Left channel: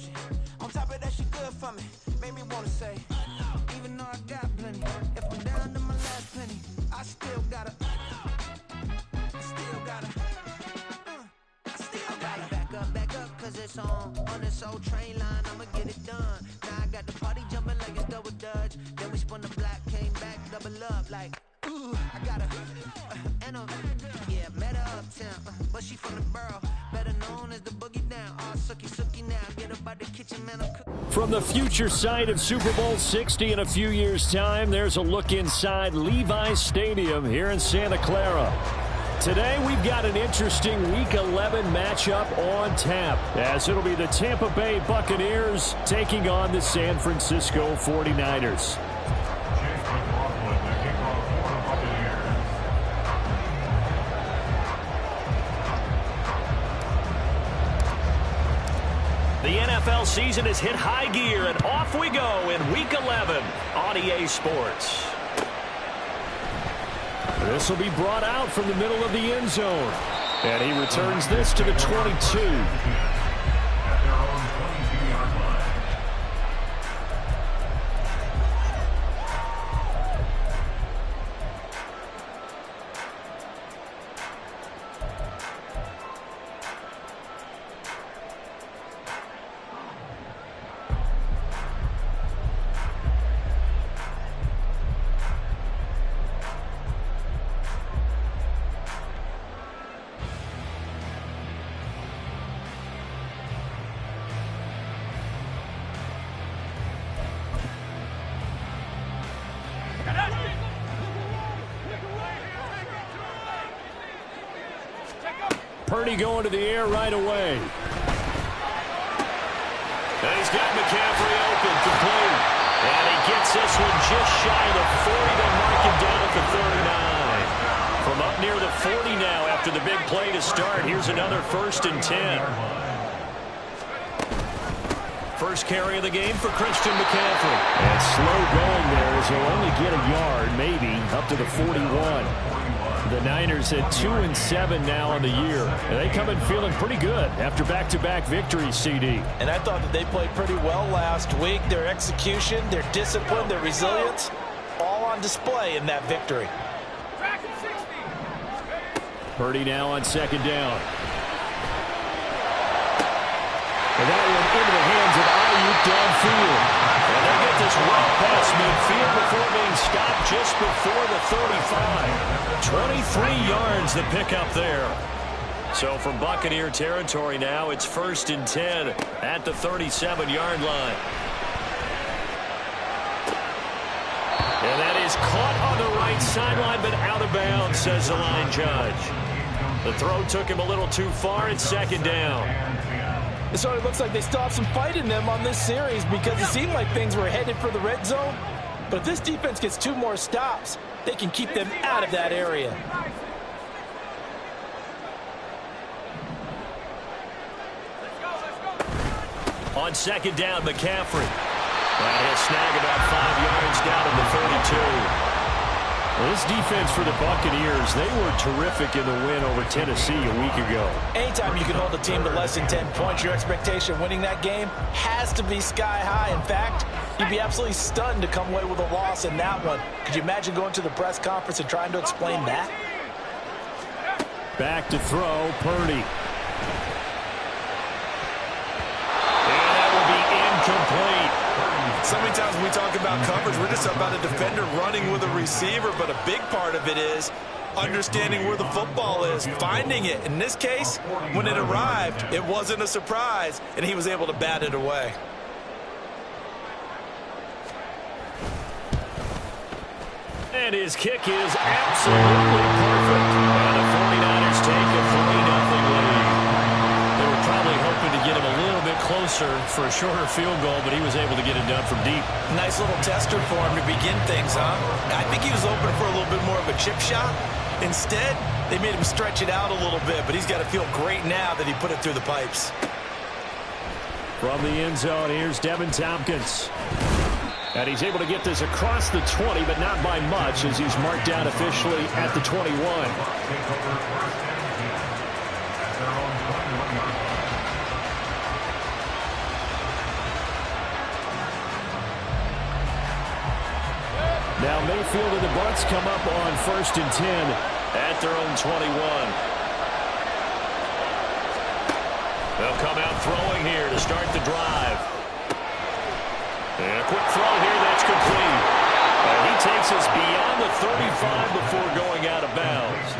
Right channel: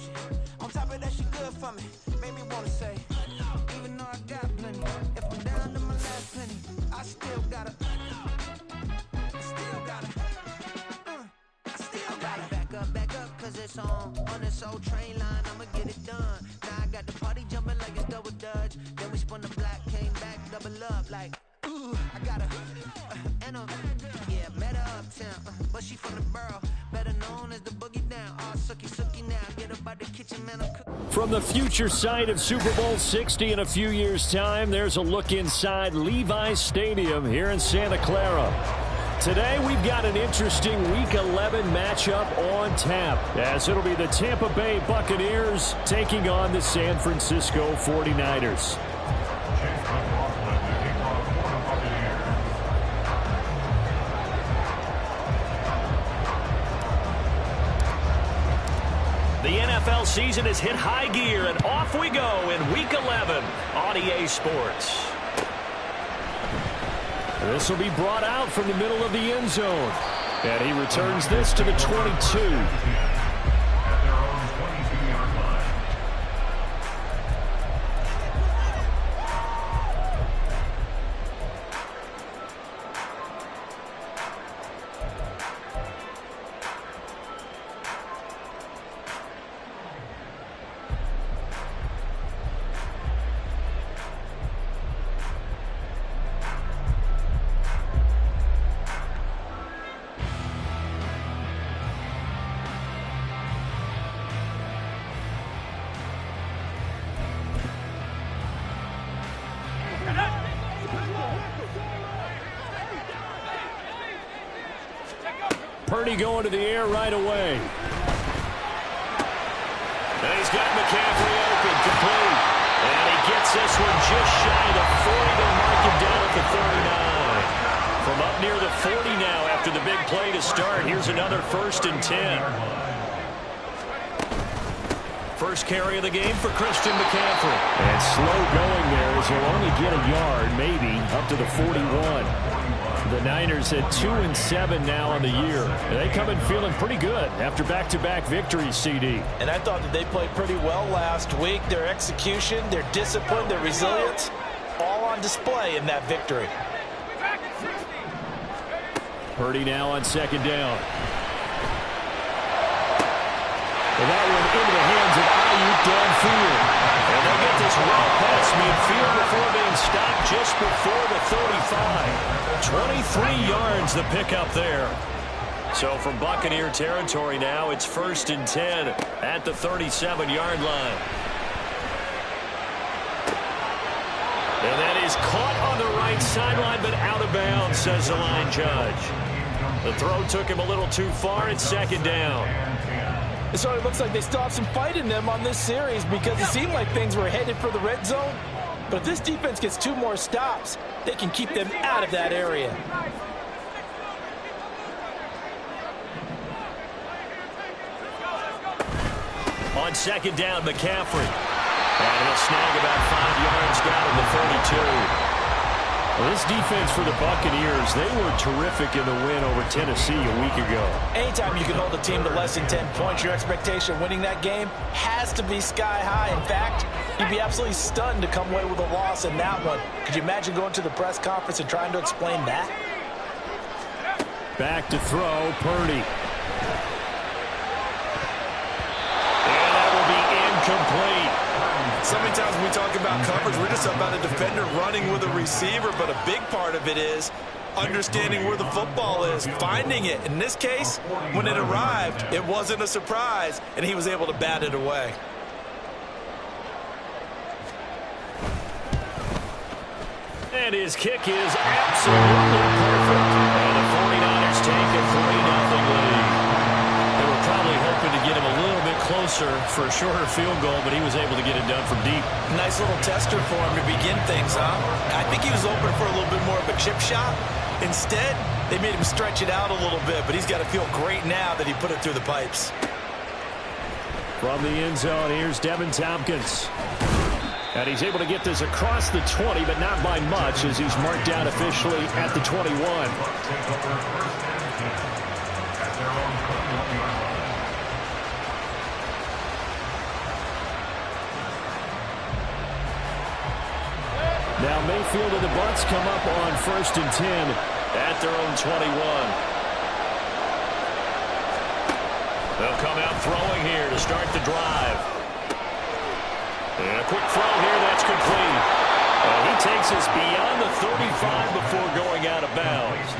she? On top of that, she good for me. Made me wanna say, even though I got plenty, if I'm down to my last penny, I still gotta, I still gotta. Back up, cause it's on this old train line, I'ma get it done. Now I got the party jumping like it's double dutch. Then we spun the block, came back, double up like, ooh, I got and yeah, met her uptown, but she from the borough, better known as the boogie down. All sookie now, get up out the kitchen, man, I'm cooking. From the future site of Super Bowl 60 in a few years' time, there's a look inside Levi's Stadium here in Santa Clara. Today, we've got an interesting Week 11 matchup on tap, as it'll be the Tampa Bay Buccaneers taking on the San Francisco 49ers. The NFL season has hit high gear, and off we go in Week 11 on EA Sports. This will be brought out from the middle of the end zone. And he returns this to the 22. At their own 22-yard line. Purdy going to the air right away. And he's got McCaffrey open, complete. And he gets this one just shy of the 40. They'll mark him down at the 39. From up near the 40 now after the big play to start. Here's another 1st and 10. First carry of the game for Christian McCaffrey. And slow going there as he'll only get a yard, maybe, up to the 41. The Niners at 2-7 now on the year. And they come in feeling pretty good after back-to-back victories, CD. And I thought that they played pretty well last week. Their execution, their discipline, their resilience, all on display in that victory. Purdy now on 2nd down. And that one into the hands of Ayuk downfield. And they get this well past midfield before being stopped just before the 35. 23 yards the pickup there. So from Buccaneer territory now, it's 1st and 10 at the 37-yard line. And that is caught on the right sideline, but out of bounds, says the line judge. The throw took him a little too far. It's 2nd down. So it looks like they still have some fight in them on this series because it seemed like things were headed for the red zone. But if this defense gets 2 more stops, they can keep them out of that area. On 2nd down, McCaffrey. And he'll snag about 5 yards down at the 32. Well, this defense for the Buccaneers, they were terrific in the win over Tennessee a week ago. Anytime you can hold a team to less than 10 points, your expectation of winning that game has to be sky high. In fact, you'd be absolutely stunned to come away with a loss in that one. Could you imagine going to the press conference and trying to explain that? Back to throw, Purdy. And that will be incomplete. So many times when we talk about coverage, we're just about a defender running with a receiver, but a big part of it is understanding where the football is, finding it. In this case, when it arrived, it wasn't a surprise, and he was able to bat it away. And his kick is absolutely perfect. And the 49ers take a 3-0 lead. They were probably hoping to get him a little bit closer for a shorter field goal, but he was able to get it done from deep. Nice little tester for him to begin things, huh? I think he was open for a little bit more of a chip shot. Instead, they made him stretch it out a little bit, but he's got to feel great now that he put it through the pipes. From the end zone, here's Devin Tompkins. And he's able to get this across the 20, but not by much, as he's marked down officially at the 21. Now Mayfield and the Bucs come up on 1st and 10 at their own 21. They'll come out throwing here to start the drive. And a quick throw here, that's complete. And he takes us beyond the 35 before going out of bounds.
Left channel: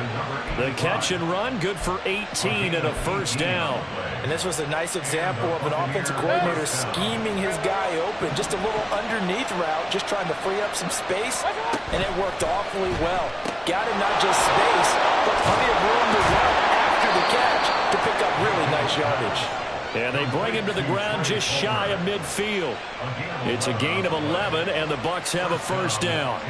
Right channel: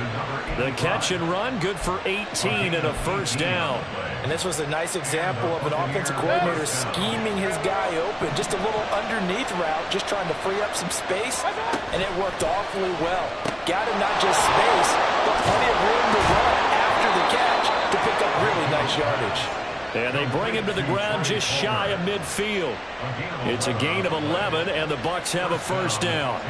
The catch and run, good for 18 and a first down. And this was a nice example of an offensive coordinator scheming his guy open. Just a little underneath route, just trying to free up some space, and it worked awfully well. Got him not just space, but plenty of room to run after the catch to pick up really nice yardage. And they bring him to the ground just shy of midfield. It's a gain of 11, and the Bucs have a first down.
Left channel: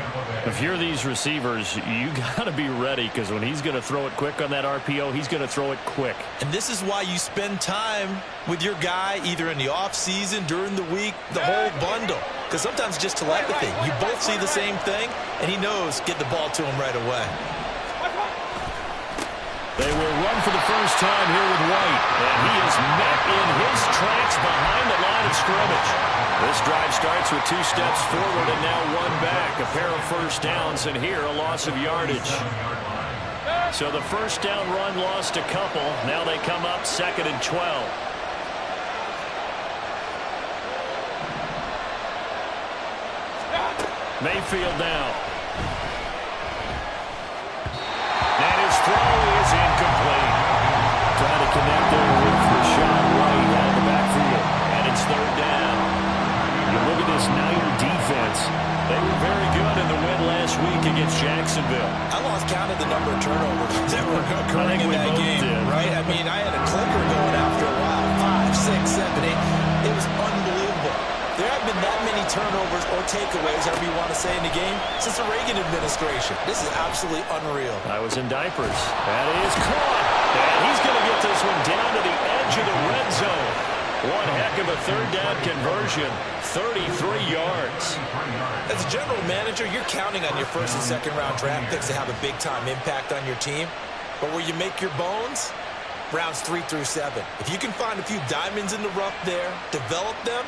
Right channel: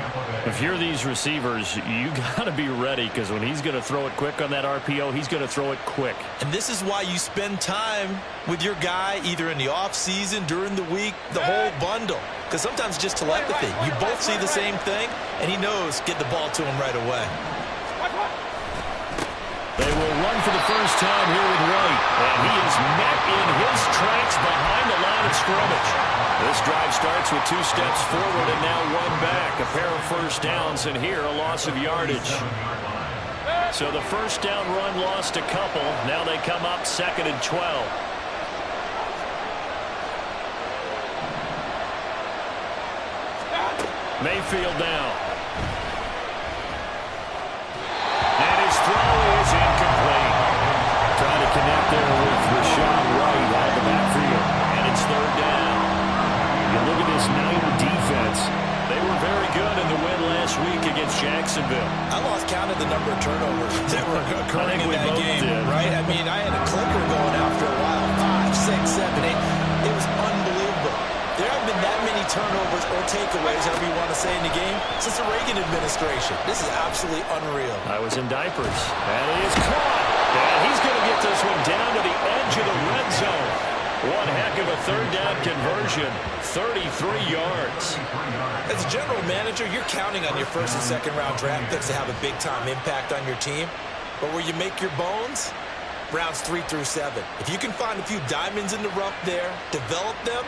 If you're these receivers, you got to be ready, because when he's going to throw it quick on that RPO, he's going to throw it quick. And this is why you spend time with your guy either in the offseason, during the week, the whole bundle. Because sometimes it's just telepathy. You both see the same thing, and he knows get the ball to him right away. They will run for the first time here with White. And he is met in his tracks behind the line of scrimmage. This drive starts with 2 steps forward and now 1 back. A pair of first downs, and here a loss of yardage. So the first down run lost a couple. Now they come up 2nd and 12. Mayfield now. And his throw is incomplete. Trying to connect there with Rashad White out of the backfield. And it's 3rd down. You look at this Niner defense. They were very good in the win last week against Jacksonville. I lost count of the number of turnovers that were occurring in that game, right? I mean, I had a clicker going after a while. 5, 6, 7, 8. It was unbelievable. There haven't been that many turnovers or takeaways, however you want to say, in the game since the Reagan administration. This is absolutely unreal. I was in diapers. That is caught. And he's going to get this one down to the edge of the red zone. One heck of a 3rd down conversion. 33 yards. As a general manager, you're counting on your 1st and 2nd round draft picks to have a big-time impact on your team. But where you make your bones, rounds 3 through 7. If you can find a few diamonds in the rough there, develop them,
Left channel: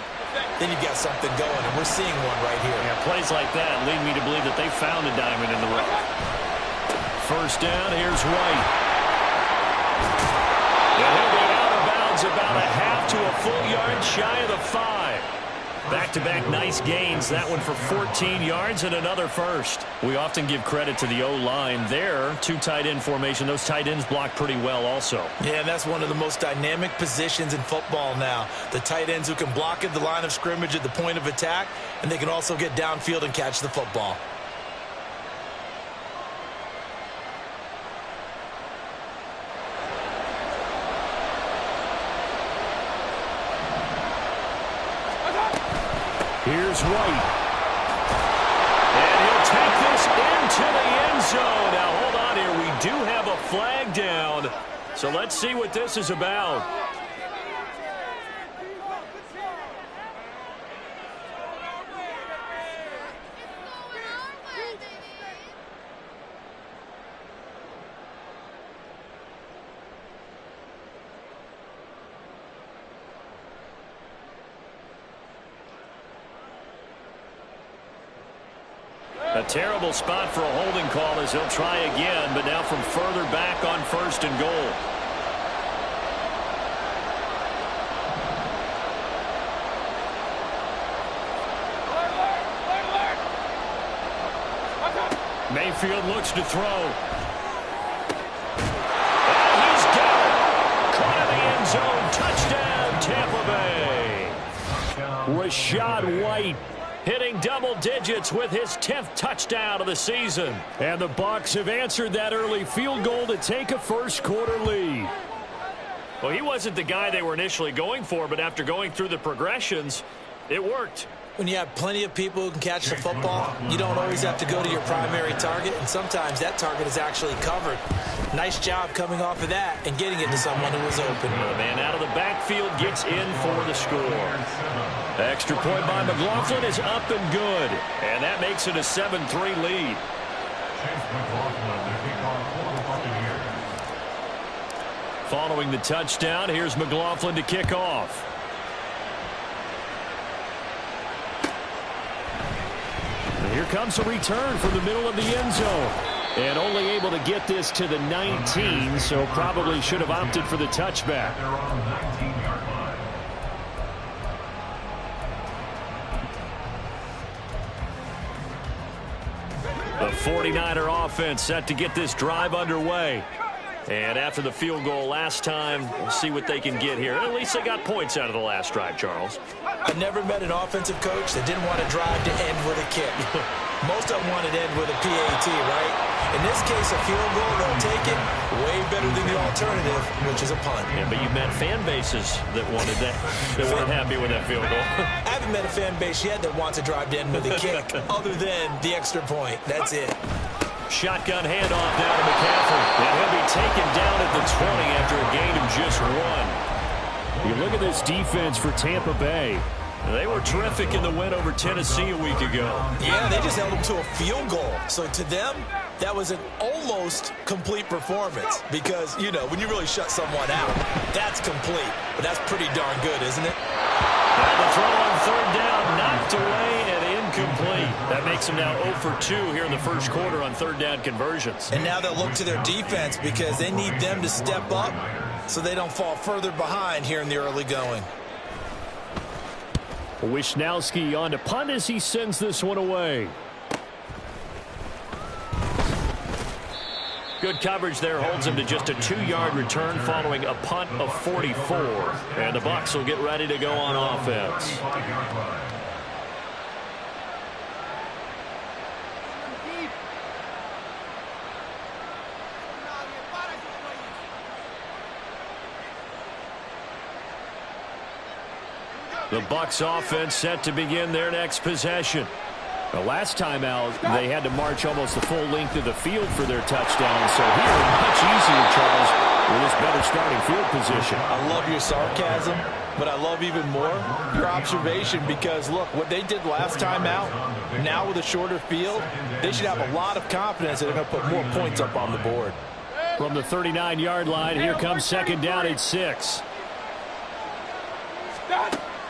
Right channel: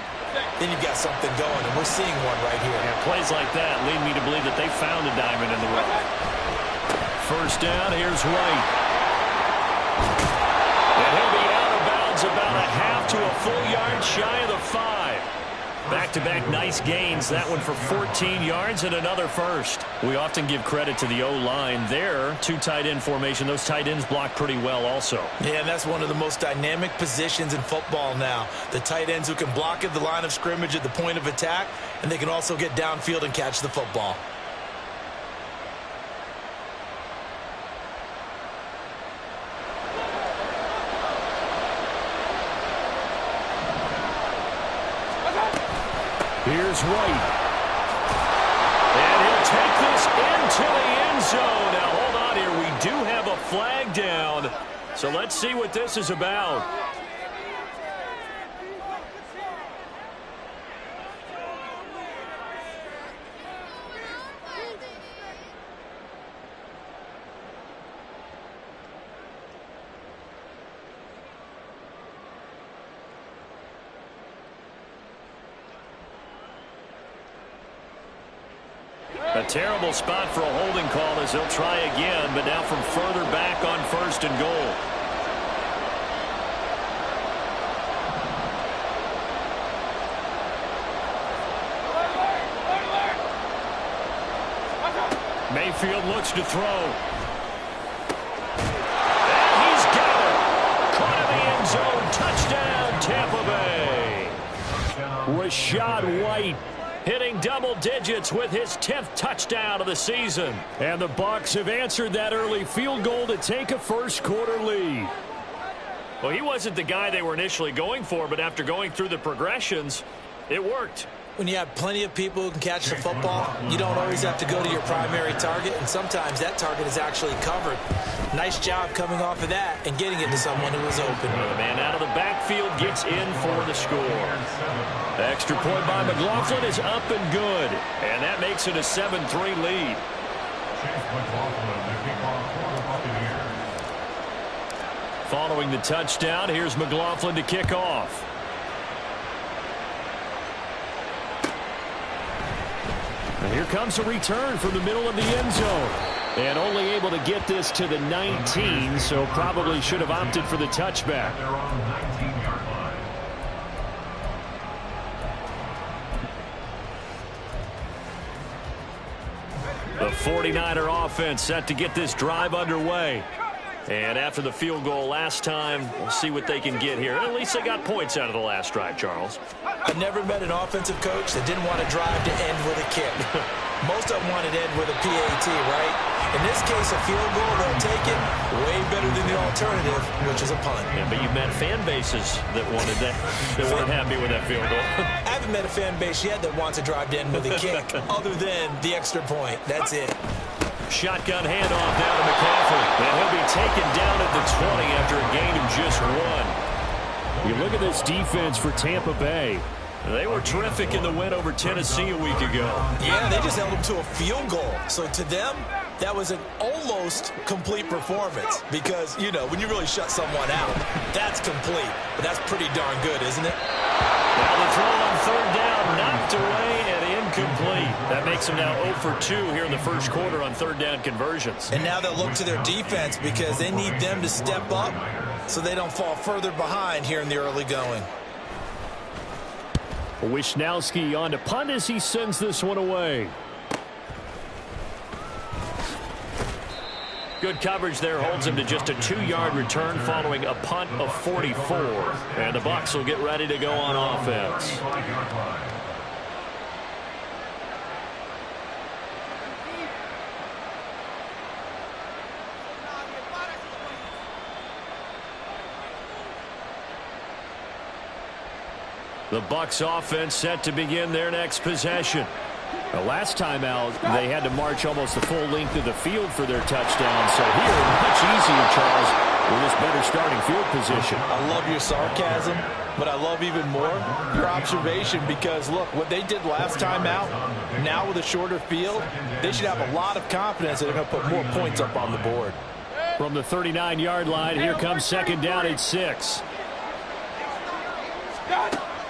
then you've got something going, and we're seeing one right here. Yeah, plays like that lead me to believe that they found a diamond in the rough. First down, here's White. And he'll be out of bounds about a half to a full yard shy of the 5. Back-to-back nice gains. That one for 14 yards and another first. We often give credit to the O-line there. 2 tight end formation. Those tight ends block pretty well also. Yeah, and that's one of the most dynamic positions in football now. The tight ends who can block at the line of scrimmage at the point of attack, and they can also get downfield and catch the football. Here's White. And he'll take this into the end zone. Now, hold on here. We do have a flag down. So let's see what this is about. A terrible spot for a holding call as he'll try again, but now from further back on 1st and goal. Mayfield looks to throw. And he's got it. Caught in the end zone. Touchdown, Tampa Bay. Rashad White hitting double digits with his 10th touchdown of the season. And the Bucs have answered that early field goal to take a first-quarter lead. Well, he wasn't the guy they were initially going for, but after going through the progressions, it worked. When you have plenty of people who can catch the football, you don't always have to go to your primary target, and sometimes that target is actually covered. Nice job coming off of that and getting it to someone who was open. The man out of the backfield gets in for the score. Extra point by McLaughlin is up and good, and that makes it a 7-3 lead. Following the touchdown, here's McLaughlin to kick off. Here comes a return from the middle of the end zone. And only able to get this to the 19, so probably should have opted for the touchback. The 49er offense set to get this drive underway. And after the field goal last time, we'll see what they can get here. At least they got points out of the last drive, Charles. I never met an offensive coach that didn't want to drive to end with a kick. Most of them wanted to end with a PAT, right? In this case, a field goal, they'll take it way better than the alternative, which is a punt. Yeah, but you've met fan bases that wanted that, that weren't happy with that field goal. I haven't met a fan base yet that wants to drive to end with a kick other than the extra point. That's it. Shotgun handoff down to McCaffrey. And he'll be taken down at the 20 after a gain of just 1. You look at this defense for Tampa Bay. They were terrific in the win over Tennessee a week ago. Yeah, they just held them to a field goal. So to them, that was an almost complete performance. Because, you know, when you really shut someone out, that's complete. But that's pretty darn good, isn't it? Now the throw on third down, knocked away and incomplete. That makes them now 0 for 2 here in the first quarter on third down conversions. And now they'll look to their defense because they need them to step up so they don't fall further behind here in the early going. Wisnowski on to punt as he sends this one away. Good coverage there, holds him to just a 2-yard return following a punt of 44. And the Bucs will get ready to go on offense. The Bucs offense set to begin their next possession. The last time out, they had to march almost the full length of the field for their touchdown. So here, much easier, Charles, with this better starting field position. I love your sarcasm, but I love even more your observation because, look, what they did last time out, now with a shorter field, they should have a lot of confidence that they're going to put more points up on the board. From the 39-yard line, here comes second down at 6.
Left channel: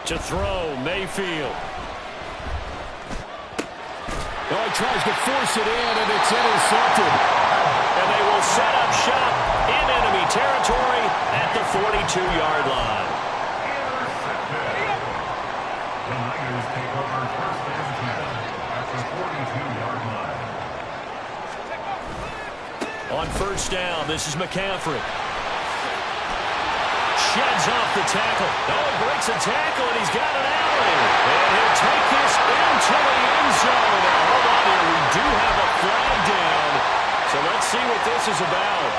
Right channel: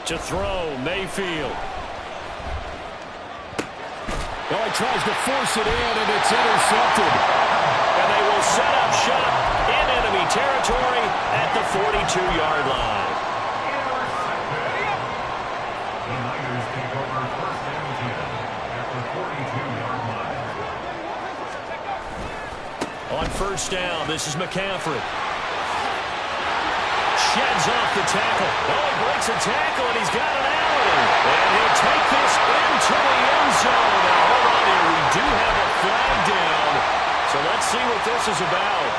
To throw, Mayfield. Oh, he tries to force it in, and it's intercepted. And they will set up shop in enemy territory at the 42-yard line. The Niners take over first and 10 at the 42-yard line. On first down, this is McCaffrey. Sheds off the tackle. Oh, he breaks a tackle, and he's got an alley. And he'll take this into the end zone. Now, hold on here. We do have a flag down. So let's see what this is about.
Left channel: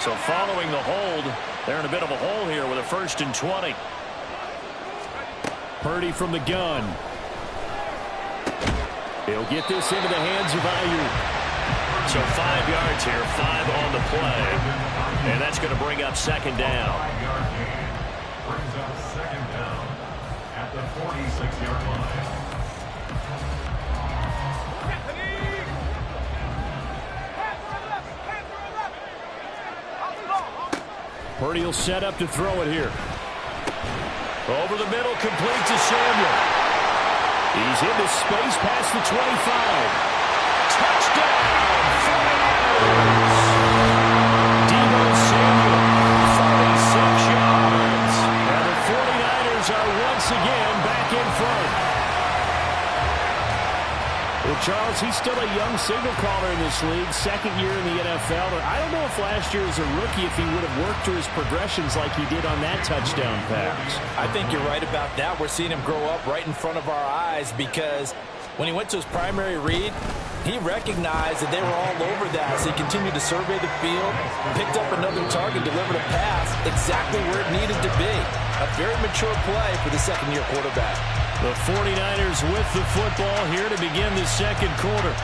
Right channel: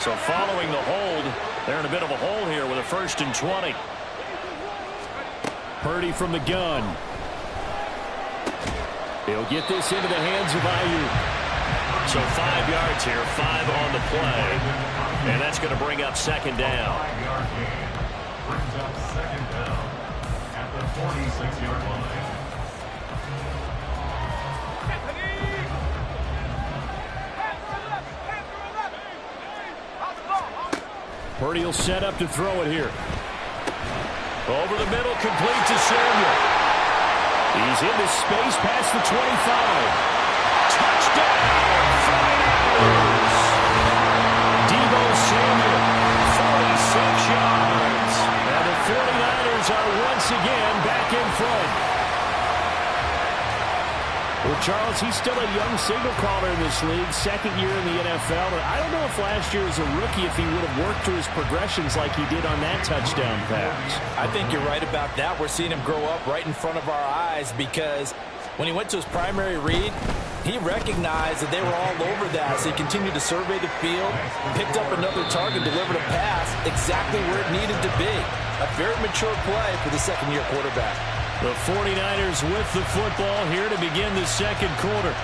So following the hold, they're in a bit of a hole here with a 1st and 20. Purdy from the gun. He'll get this into the hands of Ayuk. So 5 yards here, 5 on the play. And that's going to bring up second down. 5-yard gain brings up second down at the 46-yard line. Purdy will set up to throw it here. Over the middle, complete to Samuel. He's into space past the 25. Touchdown, 49ers. Deebo Samuel, 46 yards. And the 49ers are once again back in front. Well, Charles, he's still a young signal caller in this league, second year in the NFL. But I don't know if last year as a rookie, if he would have worked through his progressions like he did on that touchdown pass. I think you're right about that. We're seeing him grow up right in front of our eyes because when he went to his primary read, he recognized that they were all over that, so he continued to survey the field, picked up another target, delivered a pass exactly where it needed to be. A very mature play for the second-year quarterback. The 49ers with the football here to begin the second quarter,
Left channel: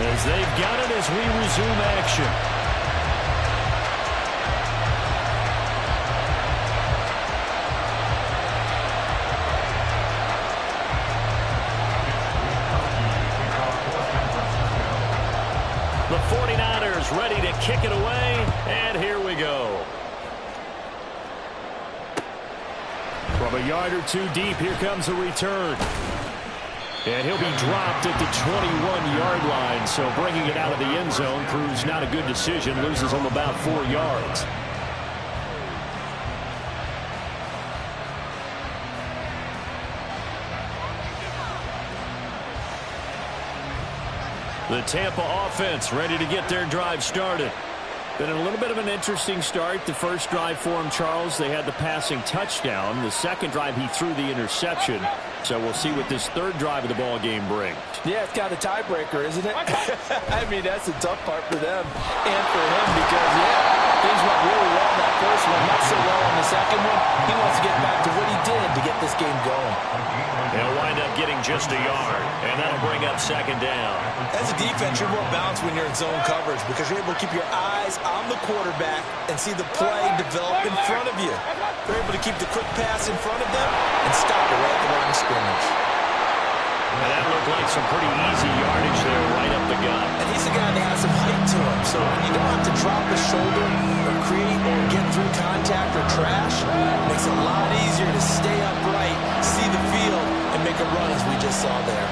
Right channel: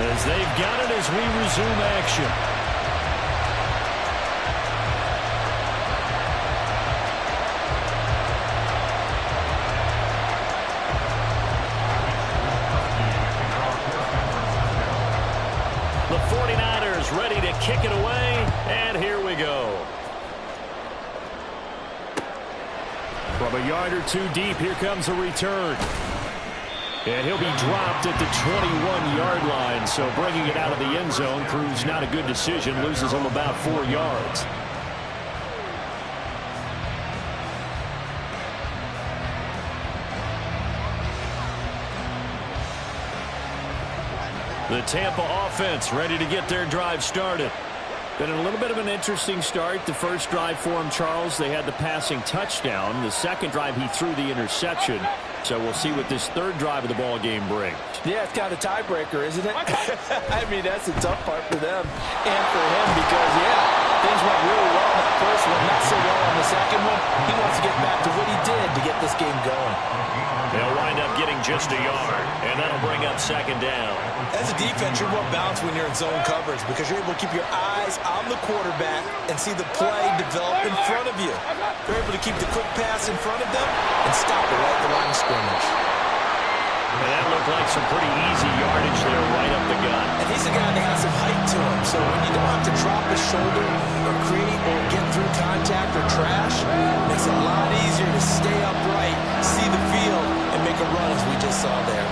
as they've got it as we resume action. The 49ers ready to kick it away, and here we go. From a yard or two deep, here comes a return. And he'll be dropped at the 21-yard line, so bringing it out of the end zone proves not a good decision, loses him about 4 yards. The Tampa offense ready to get their drive started. Been a little bit of an interesting start. The first drive for him, Charles, they had the passing touchdown. The second drive, he threw the interception. So we'll see what this third drive of the ball game brings. Yeah, it's kind of a tiebreaker, isn't it? I mean, that's the tough part for them and for him because, yeah, things went really well in that first one, not so well on the second one. He wants to get back to what he did to get this game going. They'll wind up getting just a yard, and that'll bring up second down. As a defense, you're more balanced when you're in zone coverage because you're able to keep your eyes on the quarterback and see the play develop in front of you. They're able to keep the quick pass in front of them and stop it right at the line of scrimmage. And that looked like some pretty easy yardage there right up the gut. And he's a guy that has some height to him, so when you don't have to drop his shoulder or create or get through contact or trash, it makes it a lot easier to stay upright, see the field, and make a run as we just saw there.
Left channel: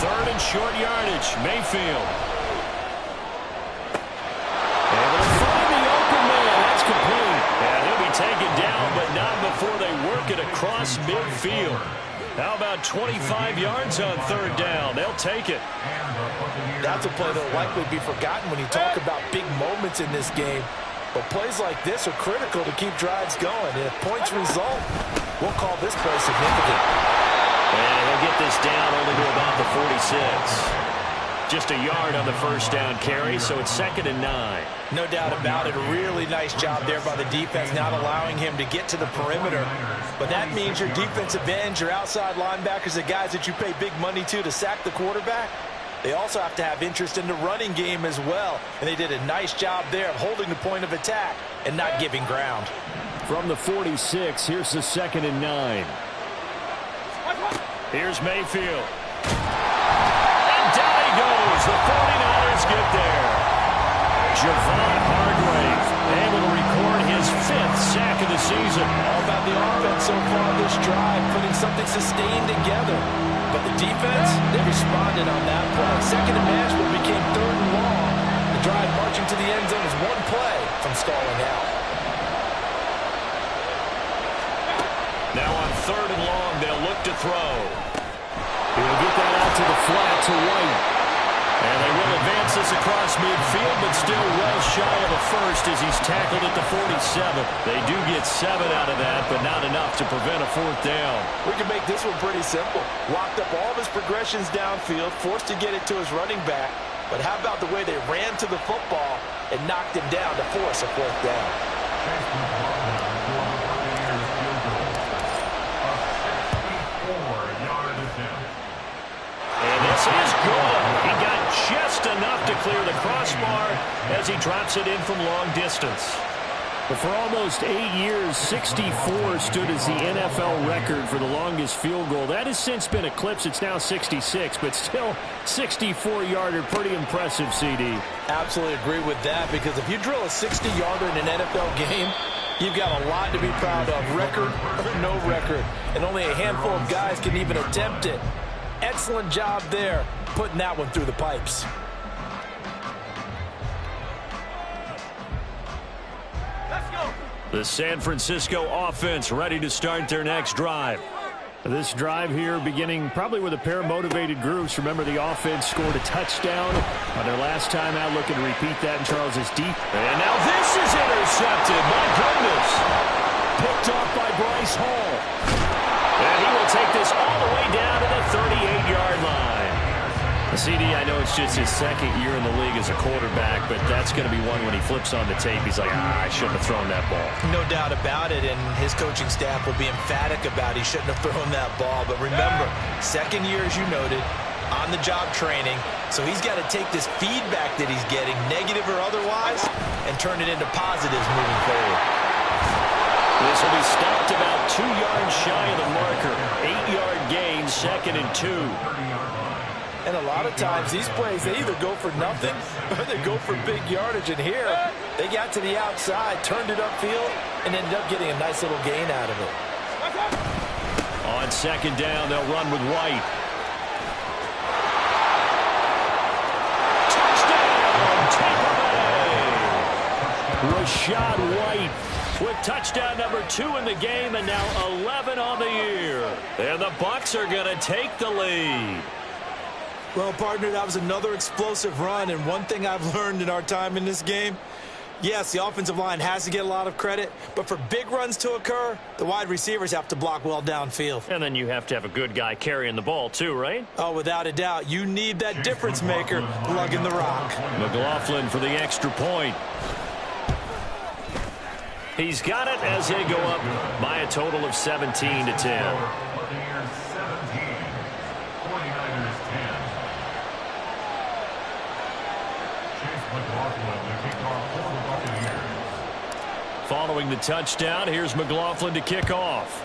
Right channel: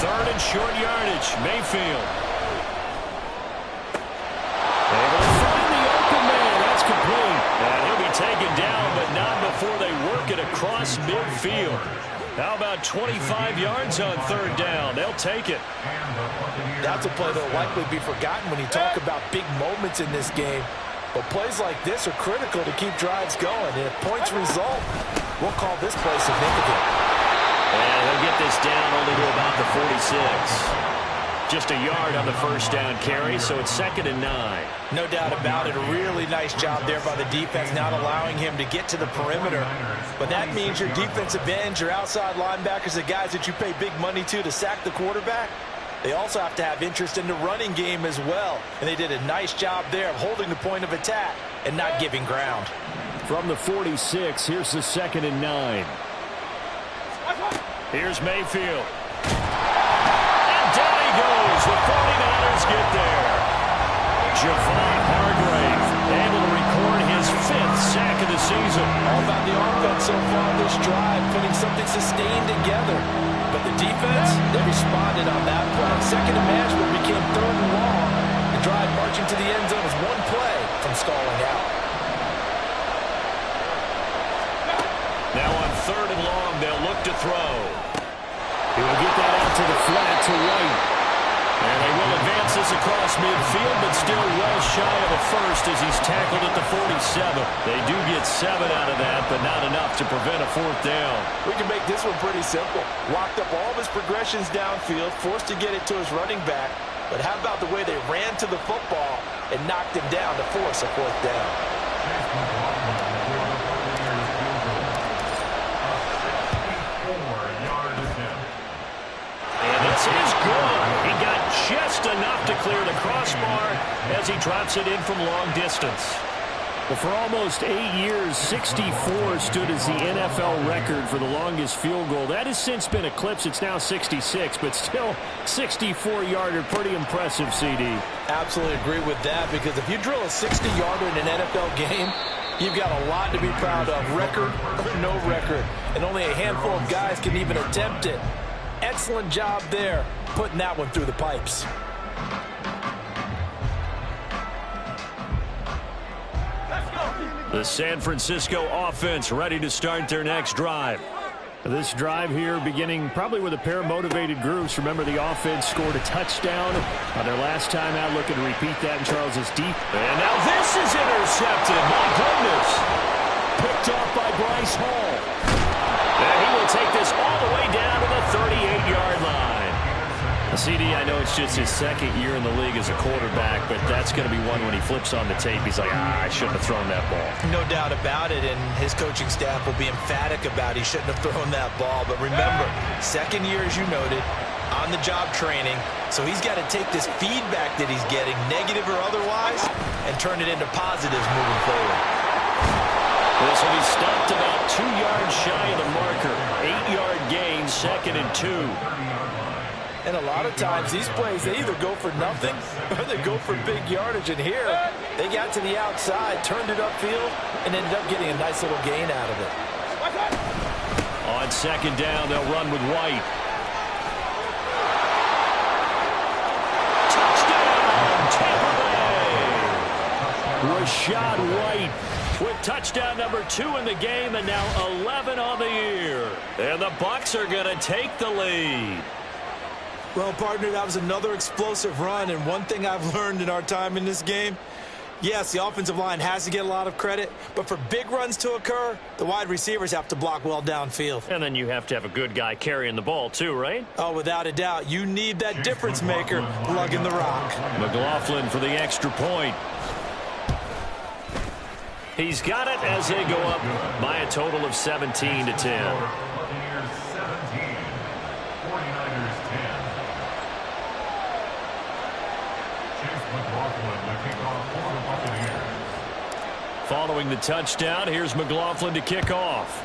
Third and short yardage, Mayfield. Able to find the open man. That's complete. And he'll be taken down, but not before they work it across midfield. How about 25 yards on third down? They'll take it. That's a play that will likely be forgotten when you talk about big moments in this game. But plays like this are critical to keep drives going. And if points result, we'll call this play significant. And he'll get this down only to about the 46. Just a yard on the first down carry, so it's 2nd and 9. No doubt about it. A really nice job there by the defense, not allowing him to get to the perimeter. But that means your defensive ends, your outside linebackers, the guys that you pay big money to sack the quarterback, they also have to have interest in the running game as well. And they did a nice job there of holding the point of attack and not giving ground. From the 46, here's the 2nd and 9. Here's Mayfield. Down he goes. The 49ers get there. Javon Hargrave able to record his 5th sack of the season. All about the offense so far this drive, putting something sustained together. But the defense, they responded on that play. Second and manageable became 3rd and long. The drive marching to the end zone is one play from stalling out. Now on 3rd and long, they'll look to throw. He will get that out to the flat to White. And they will advance this across midfield, but still well shy of a first as he's tackled at the 47. They do get 7 out of that, but not enough to prevent a 4th down. We can make this one pretty simple. Locked up all of his progressions downfield, forced to get it to his running back. But how about the way they ran to the football and knocked him down to force a 4th down? And this is good. He got just enough to clear the crossbar as he drops it in from long distance. But for almost 8 years, 64 stood as the NFL record for the longest field goal. That has since been eclipsed. It's now 66, but still 64-yarder. Pretty impressive, CD. Absolutely agree with that, because if you drill a 60-yarder in an NFL game, you've got a lot to be proud of, record or no record. And only a handful of guys can even attempt it. Excellent job there, putting that one through the pipes. Let's go. The San Francisco offense ready to start their next drive. This drive here beginning probably with a pair of motivated groups. Remember, the offense scored a touchdown on their last time out. Looking to repeat that in Charles's deep. And now this is intercepted. My goodness. Picked off by Bryce Hall. And he will take this all the way down to the 38-yard line. CD, I know it's just his 2nd year in the league as a quarterback, but that's going to be one when he flips on the tape. He's like, I shouldn't have thrown that ball. No doubt about it, and his coaching staff will be emphatic about he shouldn't have thrown that ball. But remember, 2nd year, as you noted, on-the-job training, so he's got to take this feedback that he's getting, negative or otherwise, and turn it into positives moving forward. This will be stopped about 2 yards shy of the marker. 8-yard gain, 2nd and 2. And a lot of times these plays, they either go for nothing or they go for big yardage. And here, they got to the outside, turned it upfield, and ended up getting a nice little gain out of it. On second down, they'll run with White. Touchdown, Tampa Bay! Rashad White with touchdown number 2 in the game, and now 11 on the year. And the Bucs are going to take the lead. Well, partner, that was another explosive run, and one thing I've learned in our time in this game, yes, the offensive line has to get a lot of credit, but for big runs to occur, the wide receivers have to block well downfield. And then you have to have a good guy carrying the ball too, right? Oh, without a doubt. You need that difference maker lugging the rock. McLaughlin for the extra point. He's got it as they go up by a total of 17-10. Buccaneers 17, 49ers 10. Chase McLaughlin to kick off for the Buccaneers. Following the touchdown, here's McLaughlin to kick off.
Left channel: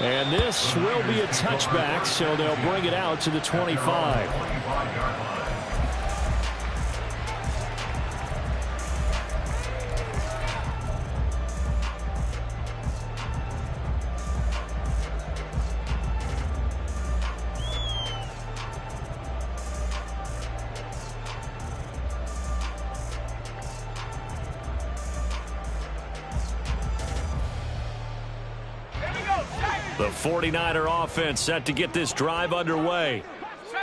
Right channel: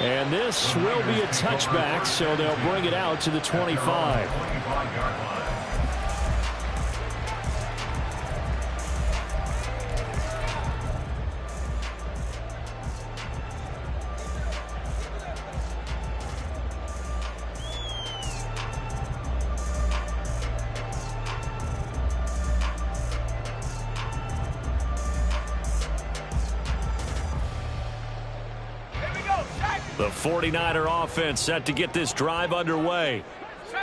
And this will be a touchback, so they'll bring it out to the 25. 25-yard line. The 49er offense set to get this drive underway.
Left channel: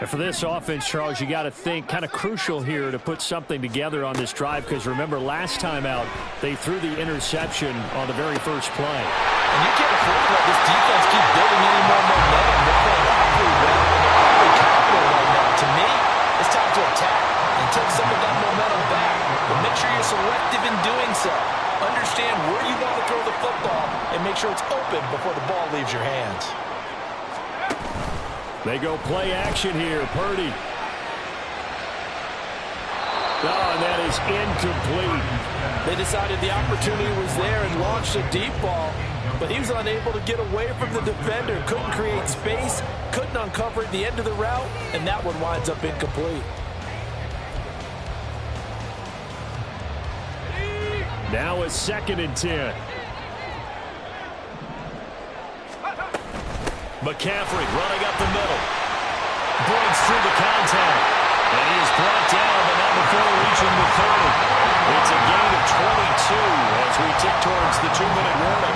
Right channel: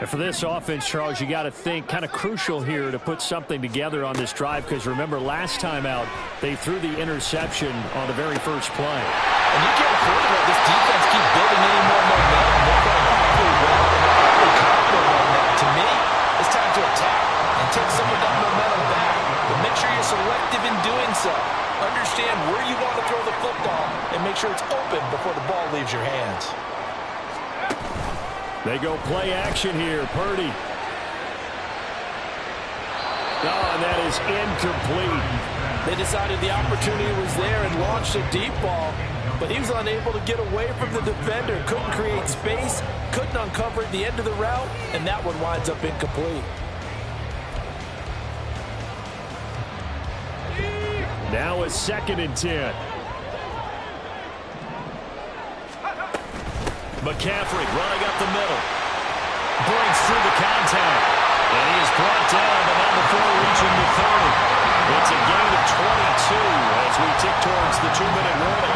And for this offense, Charles, you got to think kind of crucial here to put something together on this drive, because remember last time out they threw the interception on the very first play. And you can't afford to let this defense keep building any more momentum. They're playing awfully well, and they're awfully confident right now. To me, it's time to attack and take some of that momentum back. But make sure you're selective in doing so. Understand where you want to throw the football and make sure it's open before the ball leaves your hands. They go play action here. Purdy. Oh, and that is incomplete. They decided the opportunity was there and launched a deep ball, but he was unable to get away from the defender. Couldn't create space, couldn't uncover at the end of the route, and that one winds up incomplete. Now it's 2nd and 10. McCaffrey running up the middle. Breaks through the contact. And he is brought down, but not before reaching the 30. It's a gain of 22 as we tick towards the 2-minute warning.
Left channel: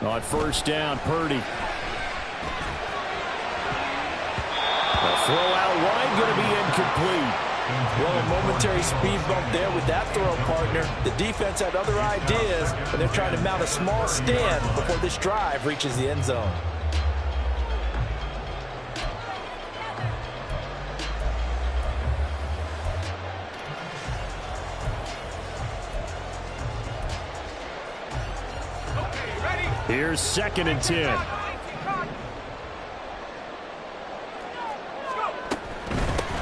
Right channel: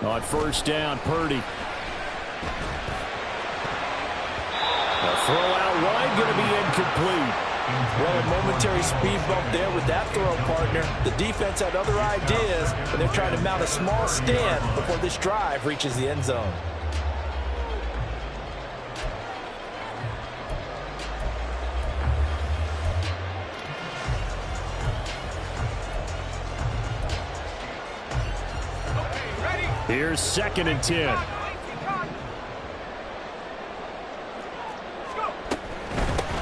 On first down, Purdy. A throw out wide, going to be incomplete. Well, a momentary speed bump there with that throw, partner. The defense had other ideas, but they're trying to mount a small stand before this drive reaches the end zone. Here's 2nd and 10.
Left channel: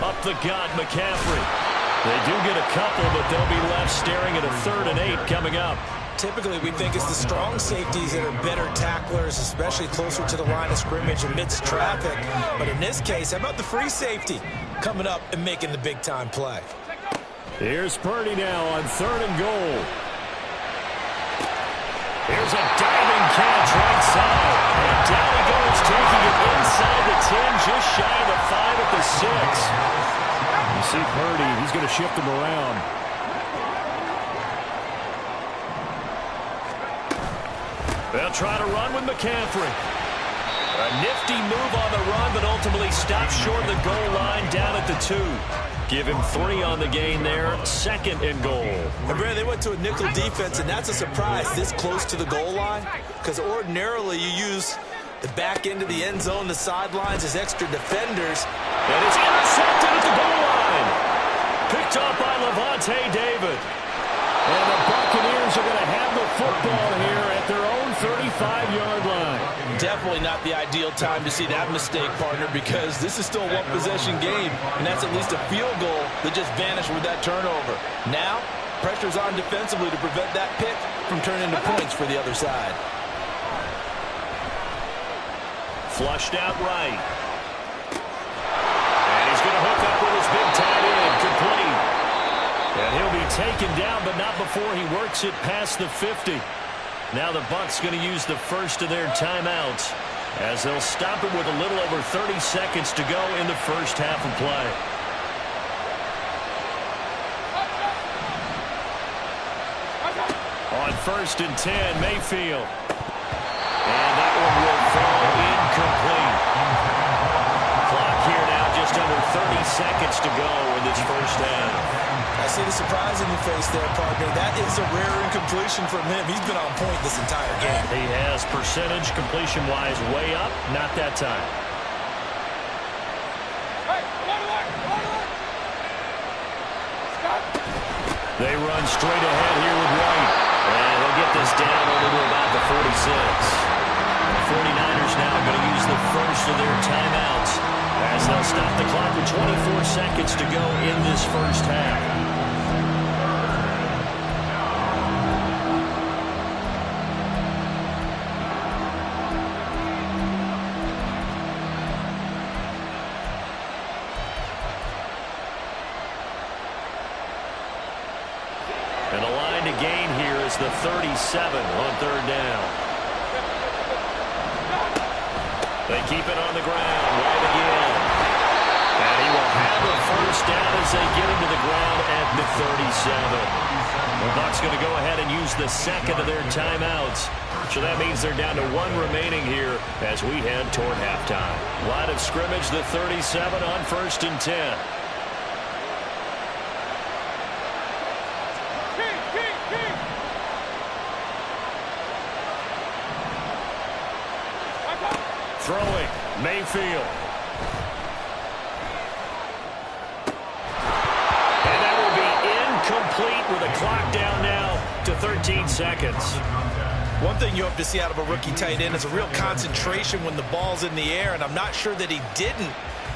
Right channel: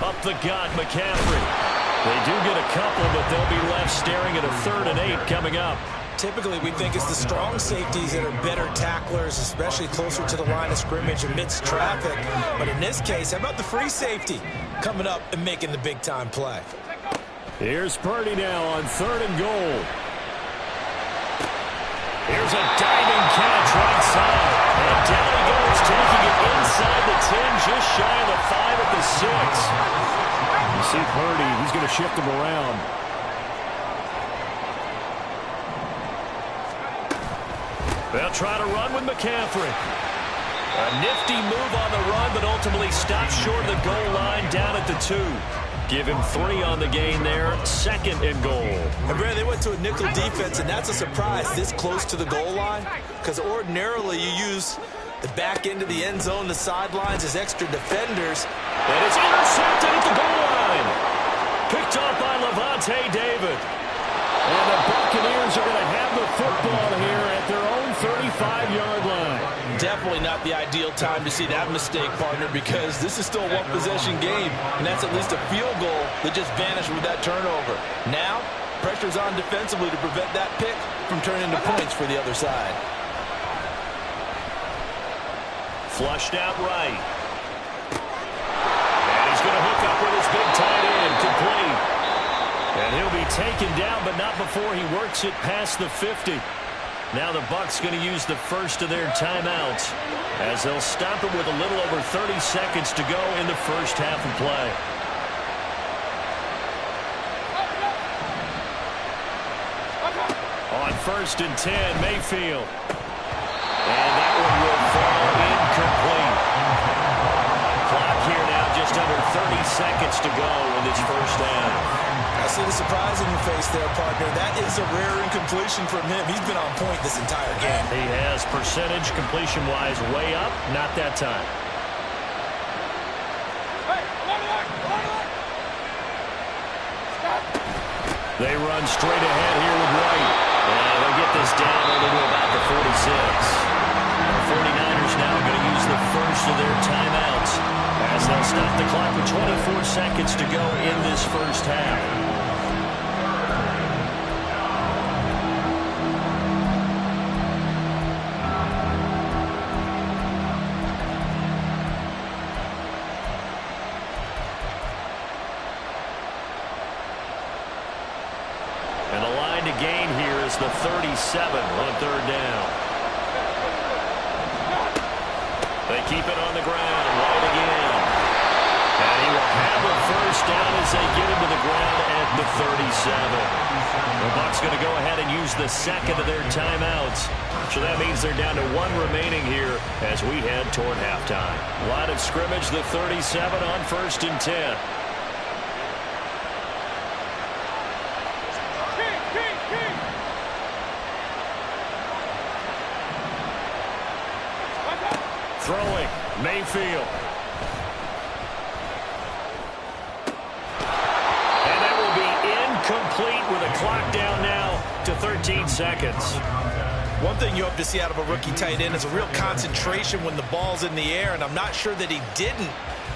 Up the gut, McCaffrey. They do get a couple, but they'll be left staring at a 3rd and 8 coming up. Typically, we think it's the strong safeties that are better tacklers, especially closer to the line of scrimmage amidst traffic. But in this case, how about the free safety coming up and making the big-time play? Here's Purdy now on 3rd and goal. Here's a diving catch right side. And down he goes, taking it inside the 10, just shy of the 5 at the 6. You see Purdy, he's going to shift him around. They'll try to run with McCaffrey. A nifty move on the run, but ultimately stopped short of the goal line down at the 2. Give him 3 on the gain there, 2nd and goal. And Brad, they went to a nickel defense, and that's a surprise this close to the goal line, because ordinarily you use the back end of the end zone, the sidelines as extra defenders. And it's intercepted at the goal line. Picked off by Levante David. And the Buccaneers are going to have the football here at their own 35-yard line. Definitely not the ideal time to see that mistake, partner, because this is still a one-possession game, and that's at least a field goal that just vanished with that turnover. Now, pressure's on defensively to prevent that pick from turning into points for the other side. Flushed out right. And he's going to hook up with his big tight end, complete. And he'll be taken down, but not before he works it past the 50. Now the Bucs going to use the first of their timeouts as they'll stop it with a little over 30 seconds to go in the first half of play. On 1st and 10, Mayfield. And that one will fall incomplete. Clock here now, just under 30 seconds to go in this first half. I see the surprise in your face there, partner. That is a rare incompletion from him. He's been on point this entire game. He has percentage completion-wise way up. Not that time. Hey, stop. They run straight ahead here with White. And he'll get this down only to about the 46. The 49ers now going to use the first of their timeouts as they'll stop the clock with 24 seconds to go in this first half. And the line to gain here is the 37 on 3rd down. They keep it on the ground. White again. And he will have a first down as they get him to the ground at the 37. The Bucs going to go ahead and use the second of their timeouts. So that means they're down to 1 remaining here as we head toward halftime. Line of scrimmage, the 37 on 1st and 10. Throwing, Mayfield. And that will be incomplete with a clock down now to 13 seconds. One thing you hope to see out of a rookie tight end is a real concentration when the ball's in the air, and I'm not sure that he didn't,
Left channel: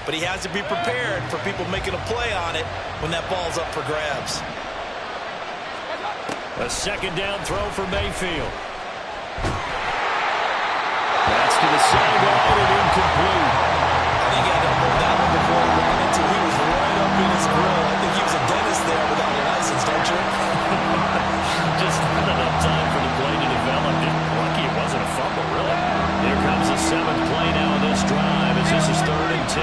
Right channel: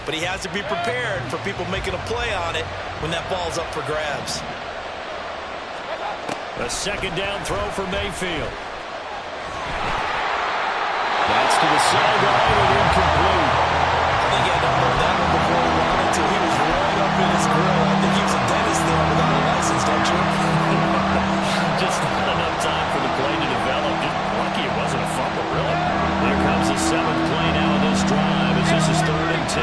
but he has to be prepared for people making a play on it when that ball's up for grabs. A 2nd down throw for Mayfield. That's to the sideline and incomplete. I think he had to unload that one before he wanted to. He was right up in his grill. I think he was a dentist there without a license, don't you? Just not enough time for the play to develop. Just lucky it wasn't a fumble, really. Here comes the 7th play now in this drive as this is 3rd and 10.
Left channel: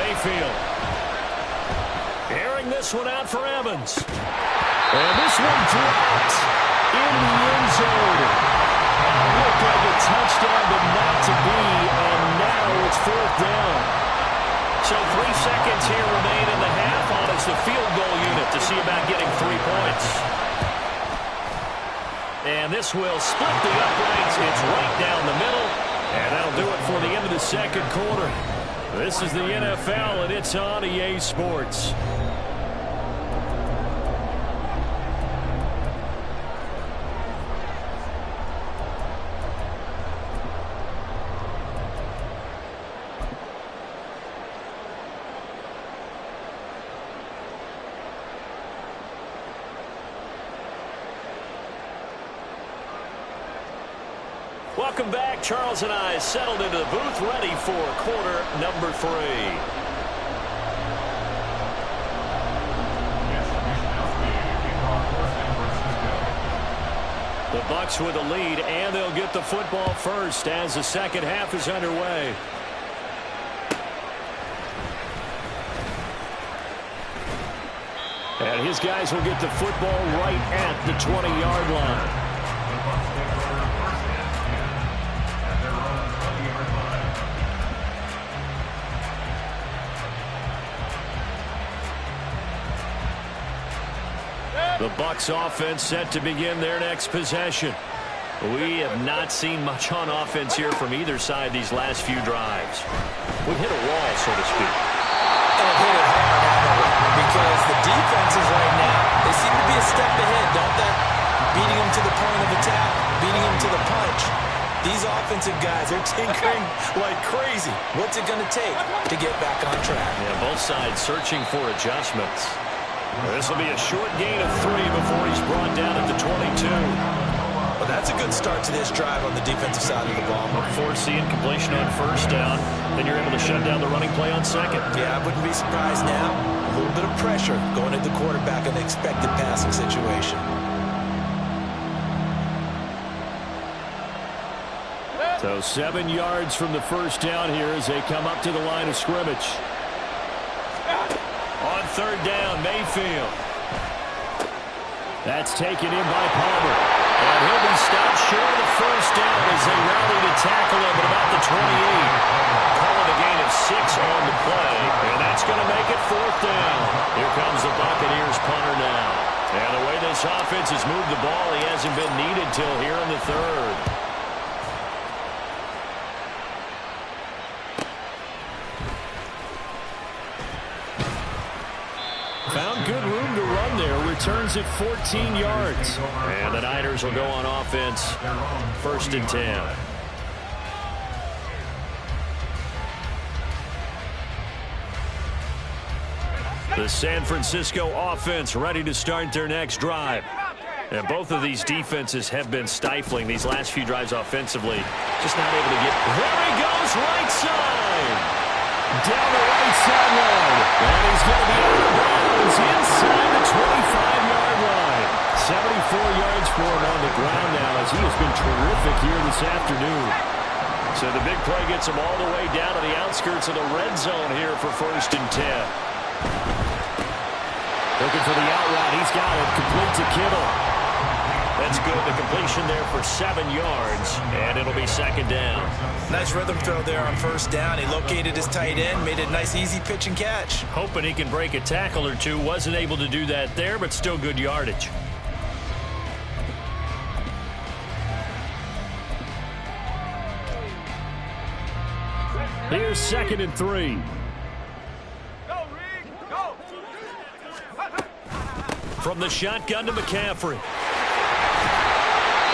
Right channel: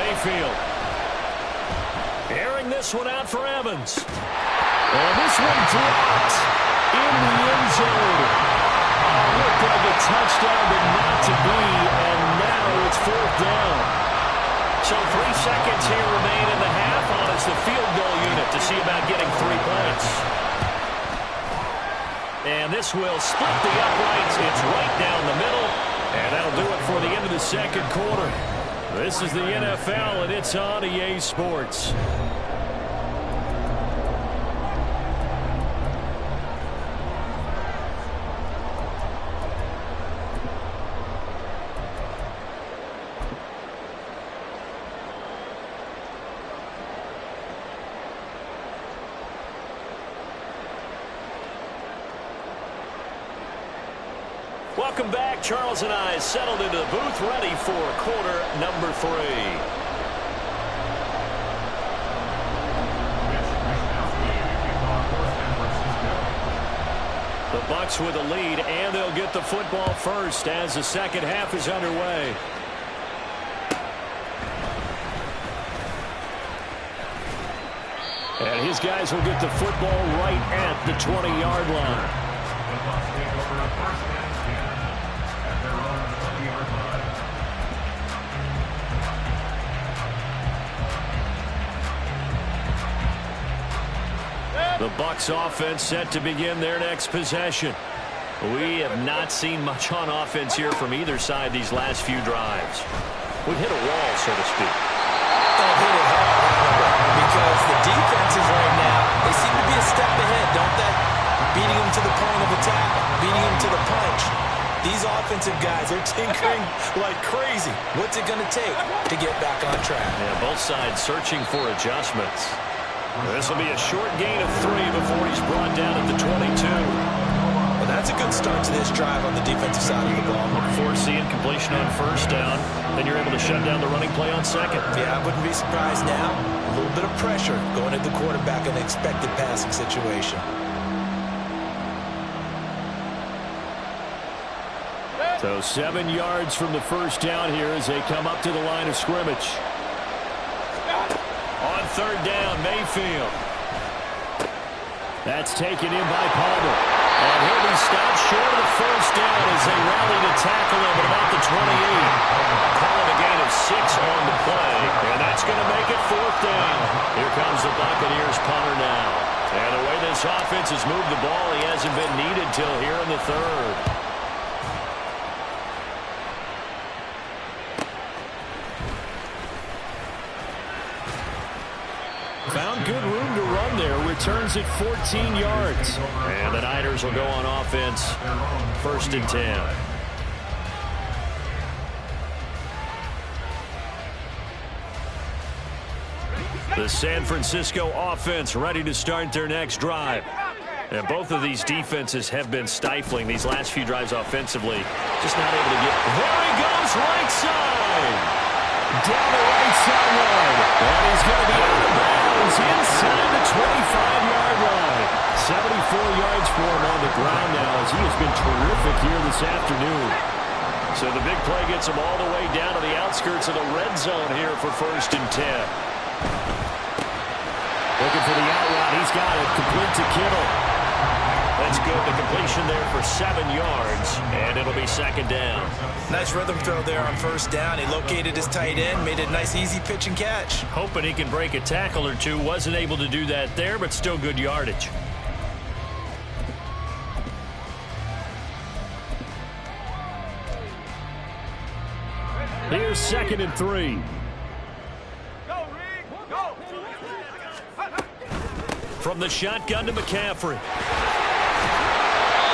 Mayfield. Airing this one out for Evans. And this one dropped in the end zone. Looked like a touchdown, but not to be, and now it's 4th down. So 3 seconds here remain in the half on it's the field goal unit to see about getting 3 points. And this will split the uprights. It's right down the middle, and that'll do it for the end of the 2nd quarter. This is the NFL, and it's on EA Sports. Welcome back. Charles and I settled into the booth, ready for quarter number 3. The Bucs with a lead, and they'll get the football first as the 2nd half is underway. And his guys will get the football right at the 20-yard line. The Bucs take over 1st and 10. The Bucs offense set to begin their next possession. We have not seen much on offense here from either side these last few drives. We've hit a wall, so to speak. And hit it hard, haven't we? Because the defenses right now, they seem to be a step ahead, don't they? Beating them to the point of attack, beating them to the punch. These offensive guys are tinkering like crazy. What's it going to take to get back on track? Yeah, both sides searching for adjustments. This will be a short gain of 3 before he's brought down at the 22. Well, that's a good start to this drive on the defensive side of the ball. Forcing completion on first down, then you're able to shut down the running play on second. Yeah, I wouldn't be surprised now. A little bit of pressure going at the quarterback in the expected passing situation. So 7 yards from the first down here as they come up to the line of scrimmage. On third down, Mayfield. That's taken in by Palmer. And he'll be stopped short of the first down as they rally to tackle him at about the 28. Calling a gain of 6 on the play. And that's going to make it 4th down. Here comes the Buccaneers punter now. And the way this offense has moved the ball, he hasn't been needed till here in the 3rd. Found good room to run there. Returns at 14 yards. And the Niners will go on offense. 1st and 10. The San Francisco offense ready to start their next drive. And both of these defenses have been stifling these last few drives offensively. Just not able to get... There he goes, right side! Down the right sideline. And he's going to be out of bounds inside the 25-yard line. 74 yards for him on the ground now as he has been terrific here this afternoon. So the big play gets him all the way down to the outskirts of the red zone here for 1st and 10. Looking for the out route. He's got it. Complete to Kittle. That's good. The completion there for 7 yards, and it'll be 2nd down. Nice rhythm throw there on 1st down. He located his tight end, made it a nice, easy pitch and catch. Hoping he can break a tackle or two. Wasn't able to do that there, but still good yardage. Here's 2nd and 3. From the shotgun to McCaffrey.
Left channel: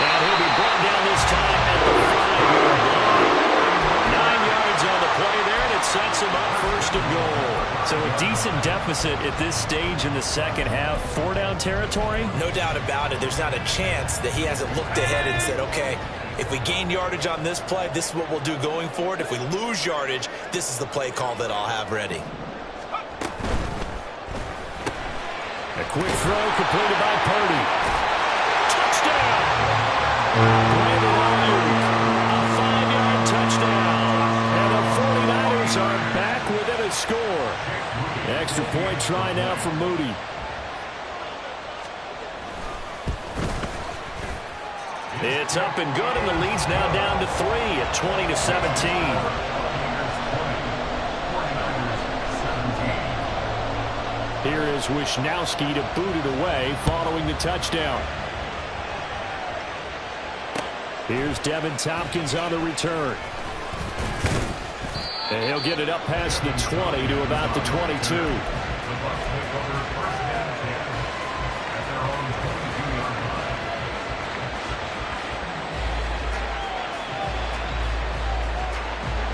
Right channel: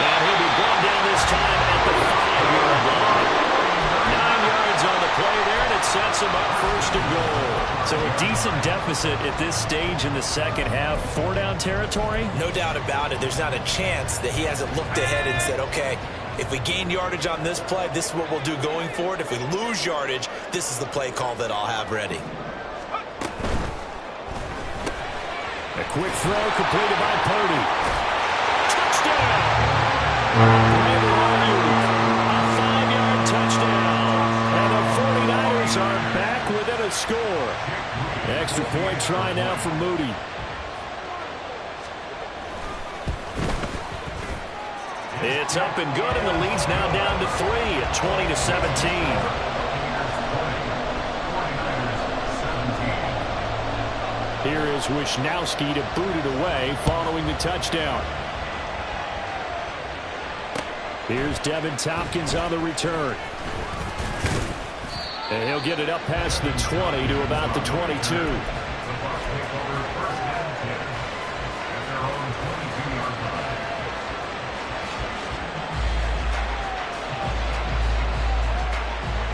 And he'll be brought down this time at the 5-yard line. 9 yards on the play there, and it sets him up 1st and goal. So a decent deficit at this stage in the second half. 4-down territory? No doubt about it. There's not a chance that he hasn't looked ahead and said, okay, if we gain yardage on this play, this is what we'll do going forward. If we lose yardage, this is the play call that I'll have ready. A quick throw completed by Purdy. Touchdown! Brandon Ayuk, a 5-yard touchdown. And the 49ers are back within a score. Extra point try now for Moody. It's up and good, and the lead's now down to 3 at 20-17. Here is Wisnowski to boot it away following the touchdown. Here's Devin Tompkins on the return. And he'll get it up past the 20 to about the 22. The Bucs take over 1st and 10 at their own 22-yard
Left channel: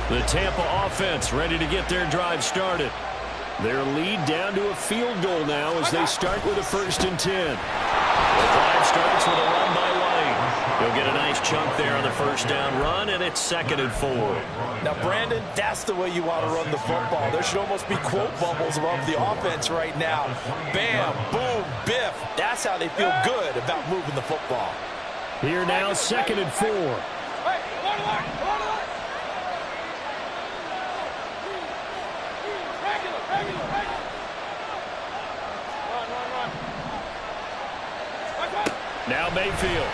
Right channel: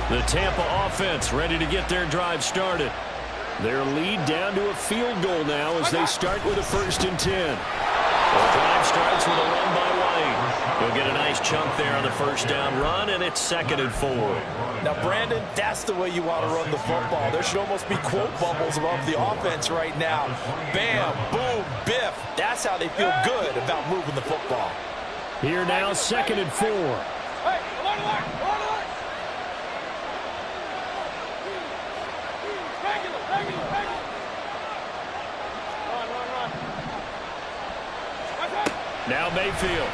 line. The Tampa offense ready to get their drive started. Their lead down to a field goal now as they start with a 1st and 10. The drive starts with a run by White. He'll get a nice chunk there on the 1st down run, and it's 2nd and 4. Now, Brandon, that's the way you want to run the football. There should almost be quote bubbles above the offense right now. Bam, boom, biff. That's how they feel good about moving the football. Here now, 2nd and 4. Hey, alert, alert, alert, alert. Regular. Run. Now Mayfield.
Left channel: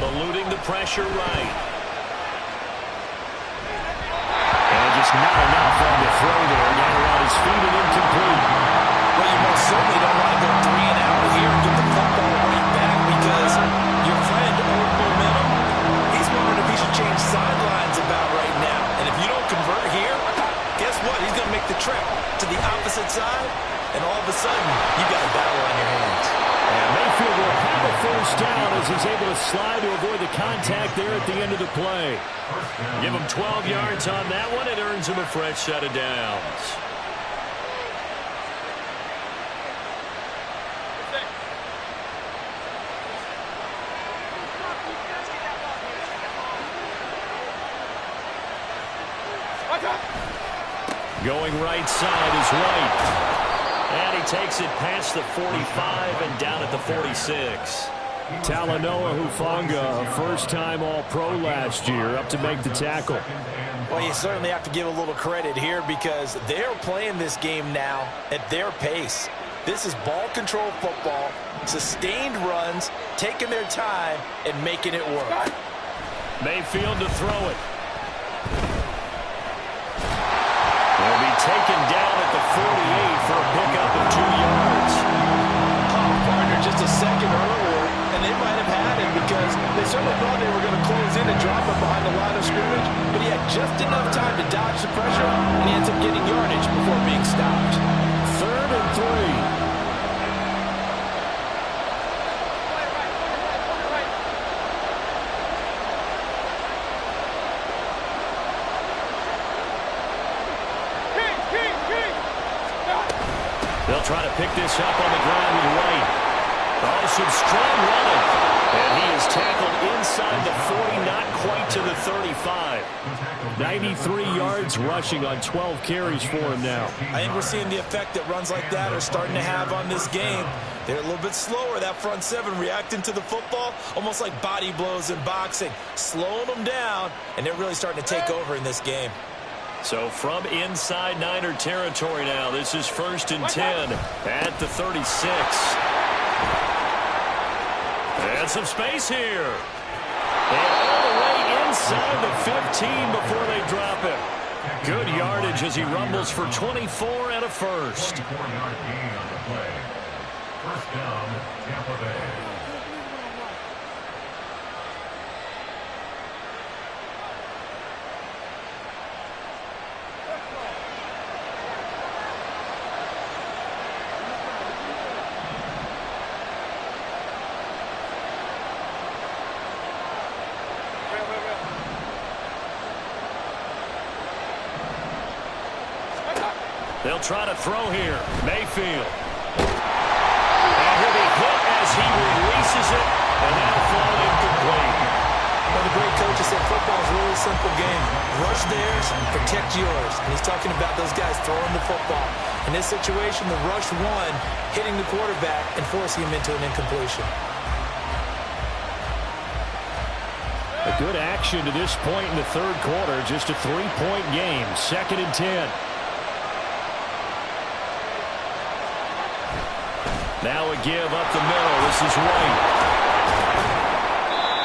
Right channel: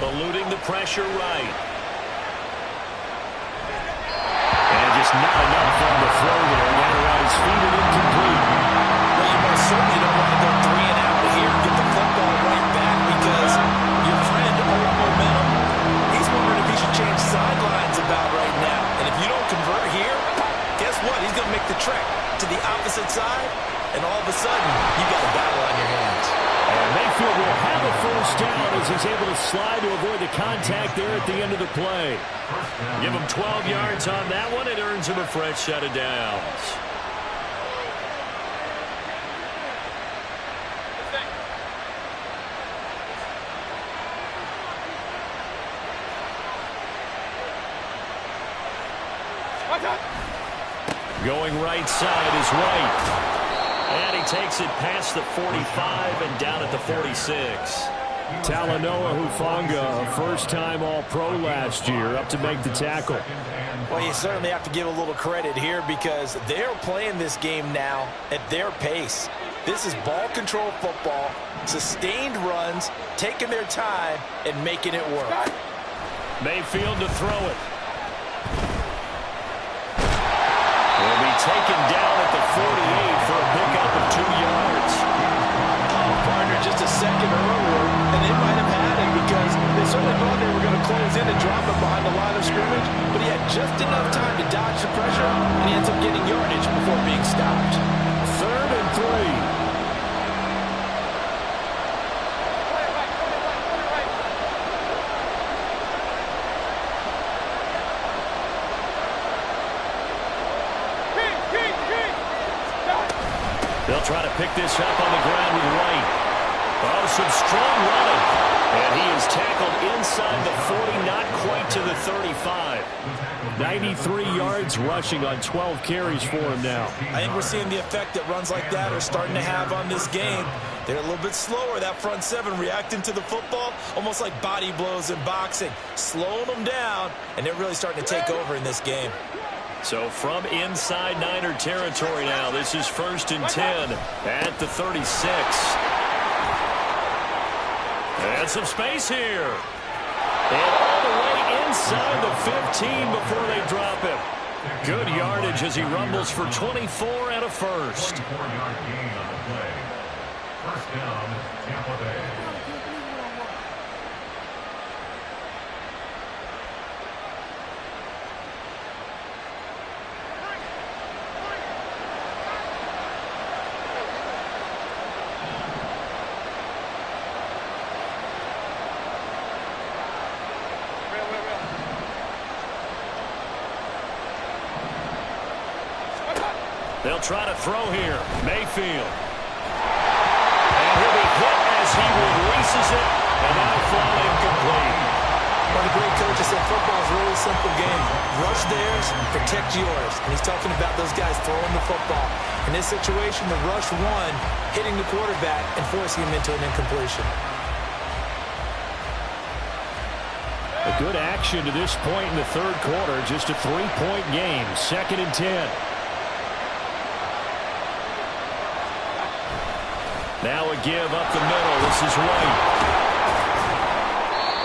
Eluding the pressure right. And just not enough on the throw there. Got around his feet and incomplete. Well, you most certainly don't want to go 3 and out here and get the football right back because your friend, old momentum, he's wondering if he should change sidelines about right now. And if you don't convert here, guess what? He's going to make the trek to the opposite side, and all of a sudden, you've got a battle on your hands. And Mayfield will have a first down as he's able to slide to avoid the contact there at the end of the play. Give him 12 yards on that one. It earns him a fresh set of downs. Going right side is White. And he takes it past the 45 and down at the 46. Talanoa Hufanga, a first-time All-Pro last year, up to make the tackle. Well, you certainly have to give a little credit here because they're playing this game now at their pace. This is ball control football, sustained runs, taking their time, and making it work. Mayfield to throw it. Will be taken down at the 48 for a pickup of 2 yards. Oh, partner, just a second earlier, and they might have had it because they certainly thought they were going to close in and drop him behind the line of scrimmage, but he had just enough time to dodge the pressure, and he ends up getting yardage before being stopped. 3rd and 3. They'll try to pick this up on the ground with White. Oh, some strong running. And he is tackled inside the 40, not quite to the 35. 93 yards rushing on 12 carries for him now. I think we're seeing the effect that runs like that are starting to have on this game. They're a little bit slower, that front seven, reacting to the football, almost like body blows in boxing, slowing them down, and they're really starting to take over in this game. So from inside Niner territory now, this is 1st and 10 at the 36. And some space here. And all the way inside the 15 before they drop him. Good yardage as he rumbles for 24 and a first. 24-yard gain on the play. First down, Tampa Bay. They'll try to throw here. Mayfield. And he'll be hit as he releases it, and that'll fall incomplete. Well, the great coach has said football is a really simple game. Rush theirs, protect yours. And he's talking about those guys throwing the football. In this situation, the rush won, hitting the quarterback and forcing him into an incompletion. A good action to this point in the 3rd quarter. Just a 3-point game. 2nd and 10. Now a give up the middle. This is White.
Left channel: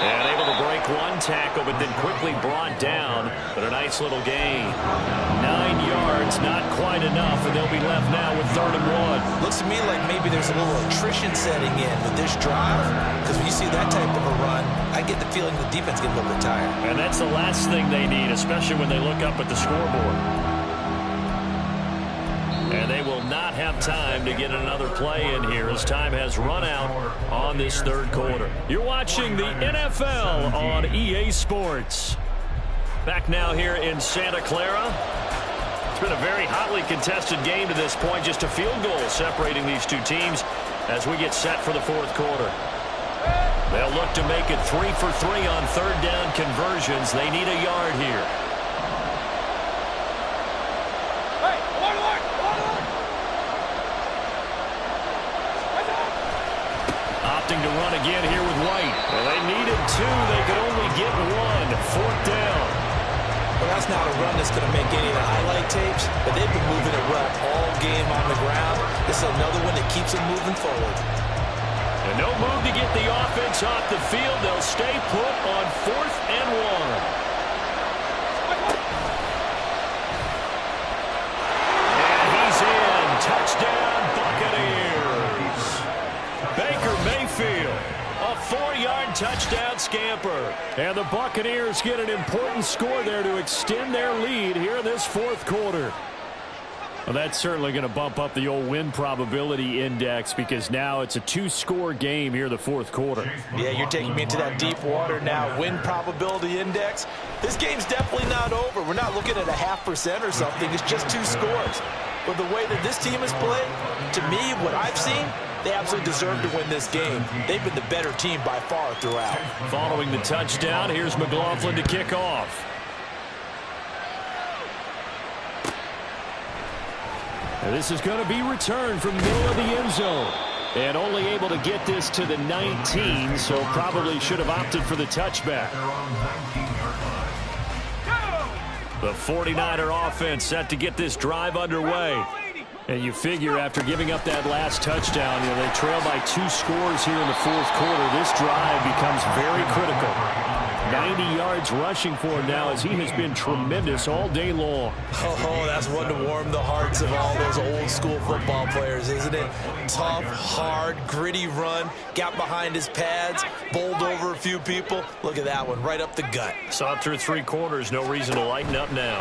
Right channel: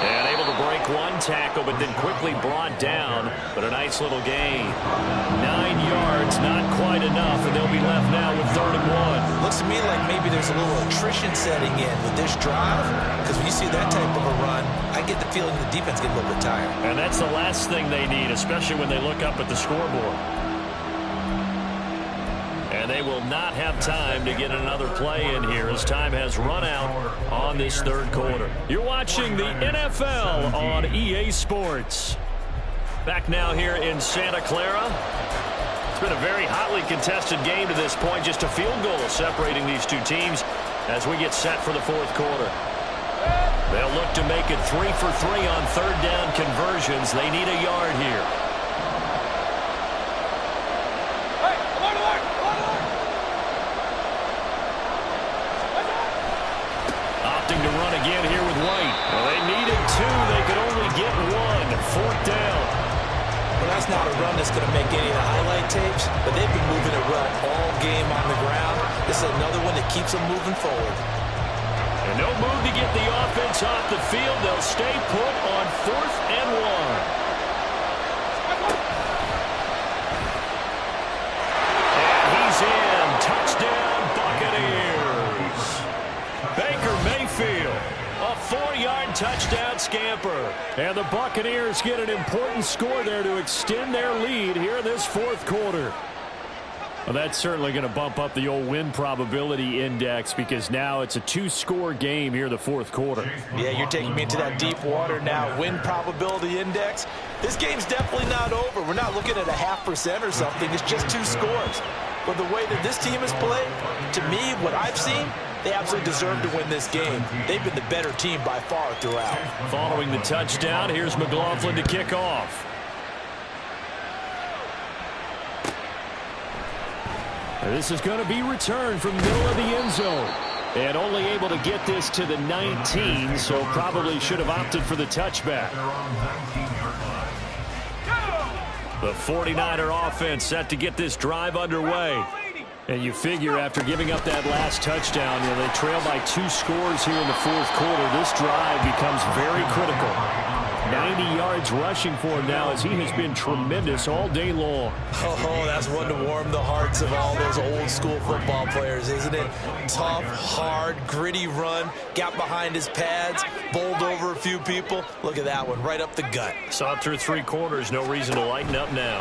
And able to break one tackle, but then quickly brought down. But a nice little gain. 9 yards, not quite enough, and they'll be left now with 3rd and 1. Looks to me like maybe there's a little attrition setting in with this drive. Because when you see that type of a run, I get the feeling the defense gets a little bit tired. And that's the last thing they need, especially when they look up at the scoreboard. And they will not have time to get another play in here as time has run out on this 3rd quarter. You're watching the NFL on EA Sports. Back now here in Santa Clara. It's been a very hotly contested game to this point. Just a field goal separating these two teams as we get set for the 4th quarter. They'll look to make it 3 for 3 on 3rd down conversions. They need a yard here. Opting to run again here with White. Well, they needed 2. They could only get 1. 4th down. Well, that's not a run that's going to make any of the highlight tapes, but they've been moving it well all game on the ground. This is another one that keeps them moving forward. And no move to get the offense off the field. They'll stay put on 4th and 1. And he's in. Touchdown, Buccaneers. 4-yard touchdown scamper. And the Buccaneers get an important score there to extend their lead here in this fourth quarter. Well, that's certainly going to bump up the old win probability index because now it's a 2-score game here in the fourth quarter. Yeah, you're taking me into that deep water now. Win probability index. This game's definitely not over. We're not looking at a 0.5% or something. It's just 2 scores. But the way that this team has played, to me, what I've seen, they absolutely deserve to win this game. They've been the better team by far throughout. Following the touchdown, here's McLaughlin to kick off. And this is going to be returned from the middle of the end zone. And only able to get this to the 19, so probably should have opted for the touchback. The 49er offense set to get this drive underway. And you figure after giving up that last touchdown, they trail by 2 scores here in the fourth quarter. This drive becomes very critical. 90 yards rushing for him now as he has been tremendous all day long. Oh, that's one to warm the hearts of all those old school football players, isn't it? Tough, hard, gritty run, got behind his pads, bowled over a few people. Look at that one, right up the gut. Saw it through 3 quarters, no reason to lighten up now.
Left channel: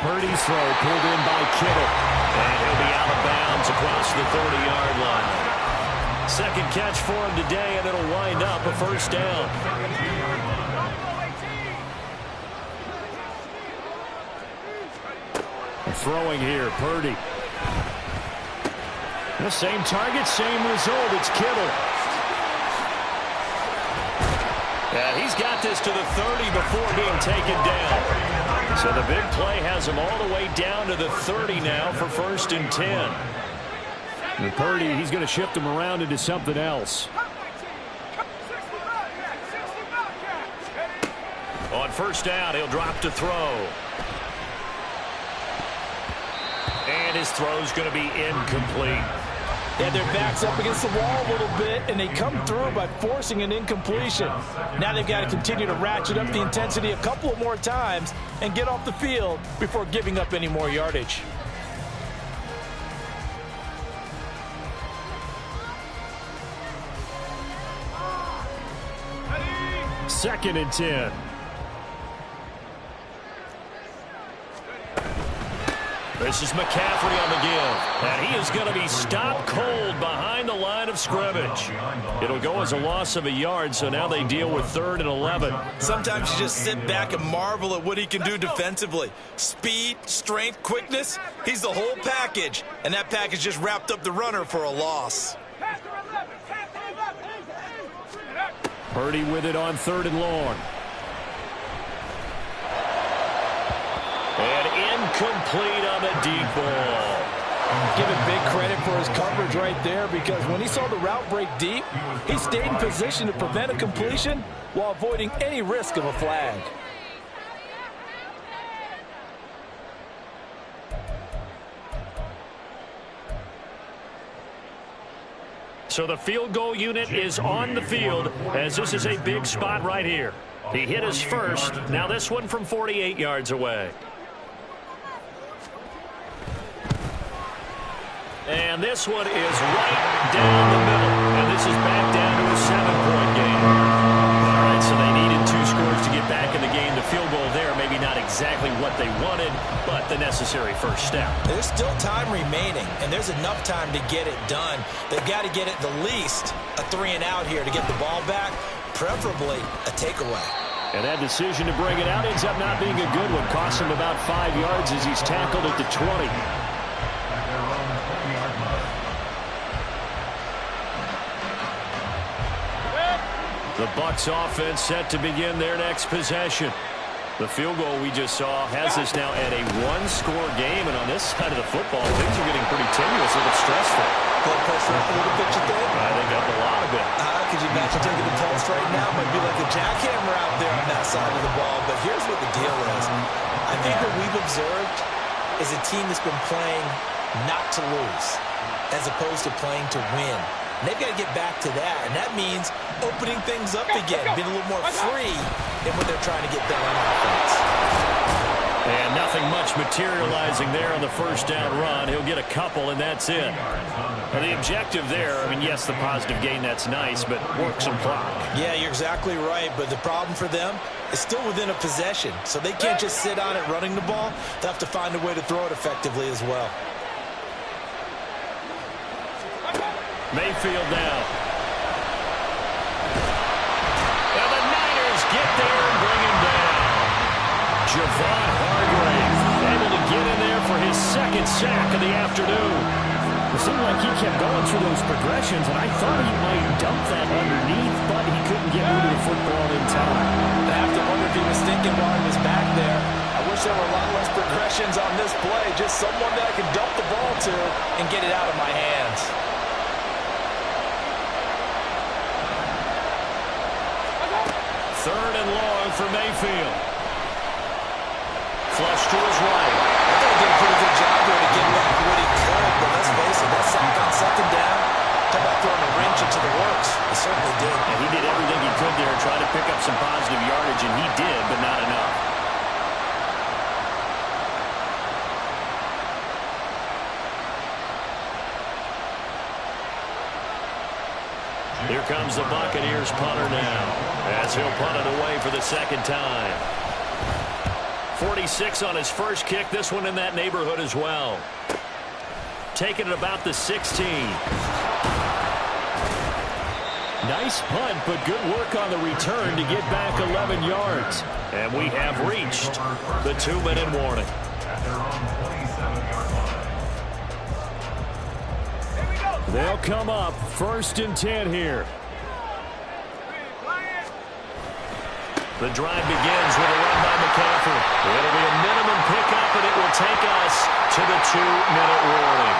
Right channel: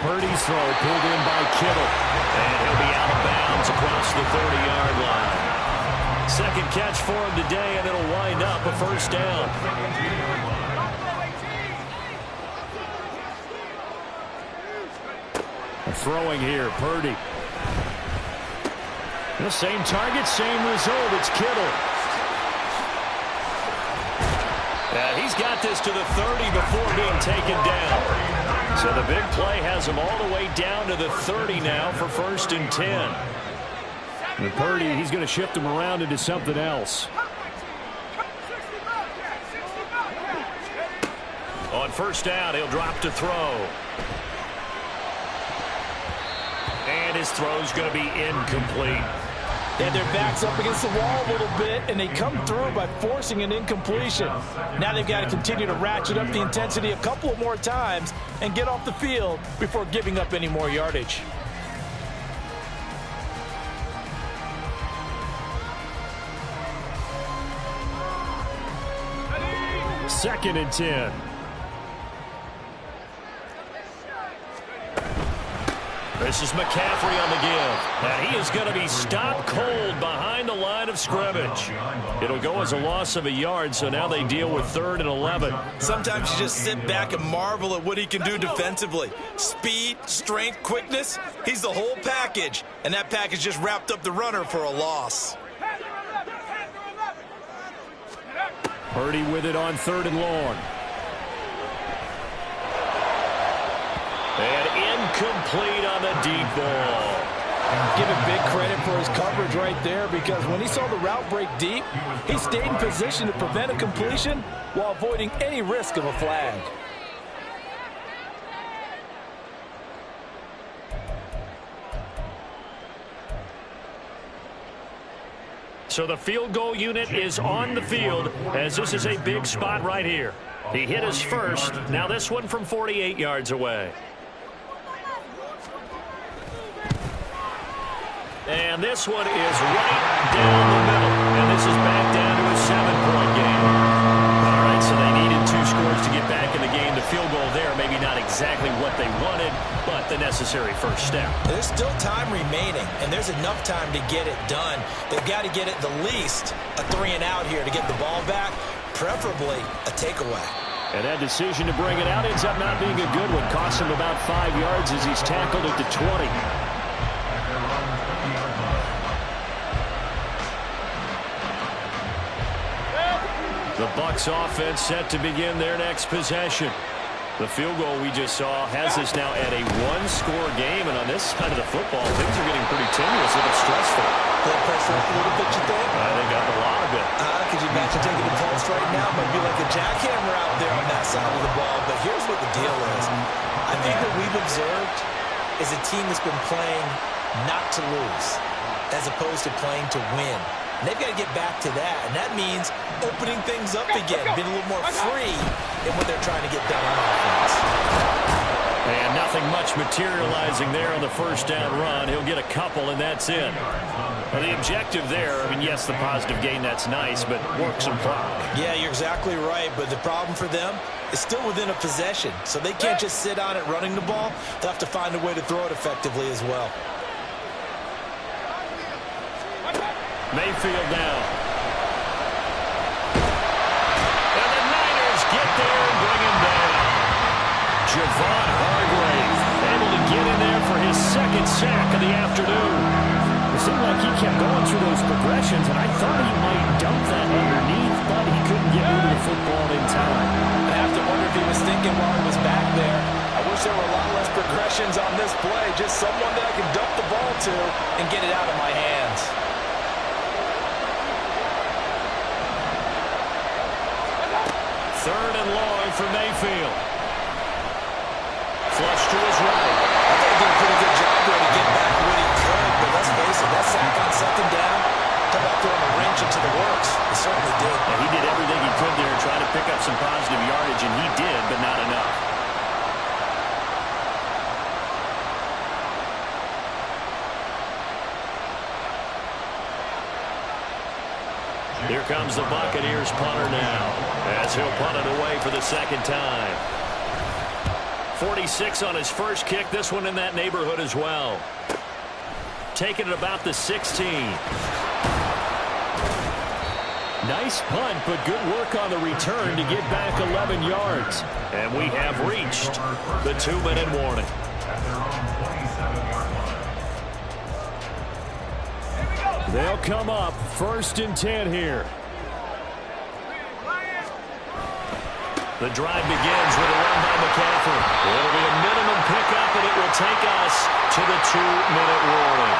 Purdy's throw pulled in by Kittle. And he'll be out of bounds across the 30-yard line. Second catch for him today, and it'll wind up a first down. Throwing here, Purdy. The same target, same result. It's Kittle. And he's got this to the 30 before being taken down. So the big play has him all the way down to the 30 now for 1st and 10. And Purdy, he's going to shift him around into something else. On first down, he'll drop to throw. And his throw's going to be incomplete. And their back's up against the wall a little bit, and they come through by forcing an incompletion. Now they've got to continue to ratchet up the intensity a couple of more times and get off the field before giving up any more yardage. Second and 10. This is McCaffrey on the give. And he is going to be stopped cold behind the line of scrimmage. It'll go as a loss of a yard, so now they deal with 3rd and 11. Sometimes you just sit back and marvel at what he can do defensively. Speed, strength, quickness. He's the whole package. And that package just wrapped up the runner for a loss. Purdy with it on 3rd and long. And incomplete on the deep ball. Give him big credit for his coverage right there, because when he saw the route break deep, he stayed in position to prevent a completion while avoiding any risk of a flag. So the field goal unit is on the field as this is a big spot right here. He hit his first. Now this one from 48 yards away. And this one is right down the middle. And this is back down to a 7-point game. All right, so they needed 2 scores to get back in the game. The field goal there, maybe not exactly what they wanted, but the necessary first step. There's still time remaining, and there's enough time to get it done. They've got to get at the least a 3-and-out here to get the ball back, preferably a takeaway. And that decision to bring it out ends up not being a good one. Costs him about 5 yards as he's tackled at the 20. The Bucs offense set to begin their next possession. The field goal we just saw has us now at a 1-score game, and on this side of the football, things are getting pretty tenuous, a little stressful. Blood pressure up a little bit, you think? I think up a lot of it. Could you imagine taking the pulse right now? Might be like a jackhammer out there on that side of the ball, but here's what the deal is. I think what we've observed is a team that's been playing not to lose as opposed to playing to win. And they've got to get back to that, and that means opening things up again, being a little more free in what they're trying to get done on offense. And now Nothing much materializing there on the first down run. He'll get a couple, and that's it. Well, the objective there, I mean, yes, the positive gain, that's nice, but work some clock. Yeah, you're exactly right, but the problem for them is still within a possession, so they can't just sit on it running the ball. They'll have to find a way to throw it effectively as well. Mayfield now. And the Niners get there and bring him down. Javon Hargrave able to get in there for his second sack of the afternoon. It seemed like he kept going through those progressions, and I thought he might dump that underneath, but he couldn't get rid of the football in time. I have to wonder if he was thinking while he was back there, I wish there were a lot less progressions on this play, just someone that I can dump the ball to and get it out of my hands. Third and long for Mayfield. Flush to his right. I thought he did a pretty good job there to get back what he could, but let's face it, that sack on second down, talk about throwing a wrench into the works. He certainly did. Yeah, he did everything he could there, trying to pick up some positive yardage, and he did, but not enough. Here comes the Buccaneers punter now, as he'll punt it away for the second time. 46 on his first kick, this one in that neighborhood as well. Taking it about the 16. Nice punt, but good work on the return to get back 11 yards. And we have reached the 2-minute warning. At their own 27-yard line. They'll come up 1st and 10 here. The drive begins with a run by McCaffrey. It'll be a minimum pickup, and it will take us to the 2-minute warning.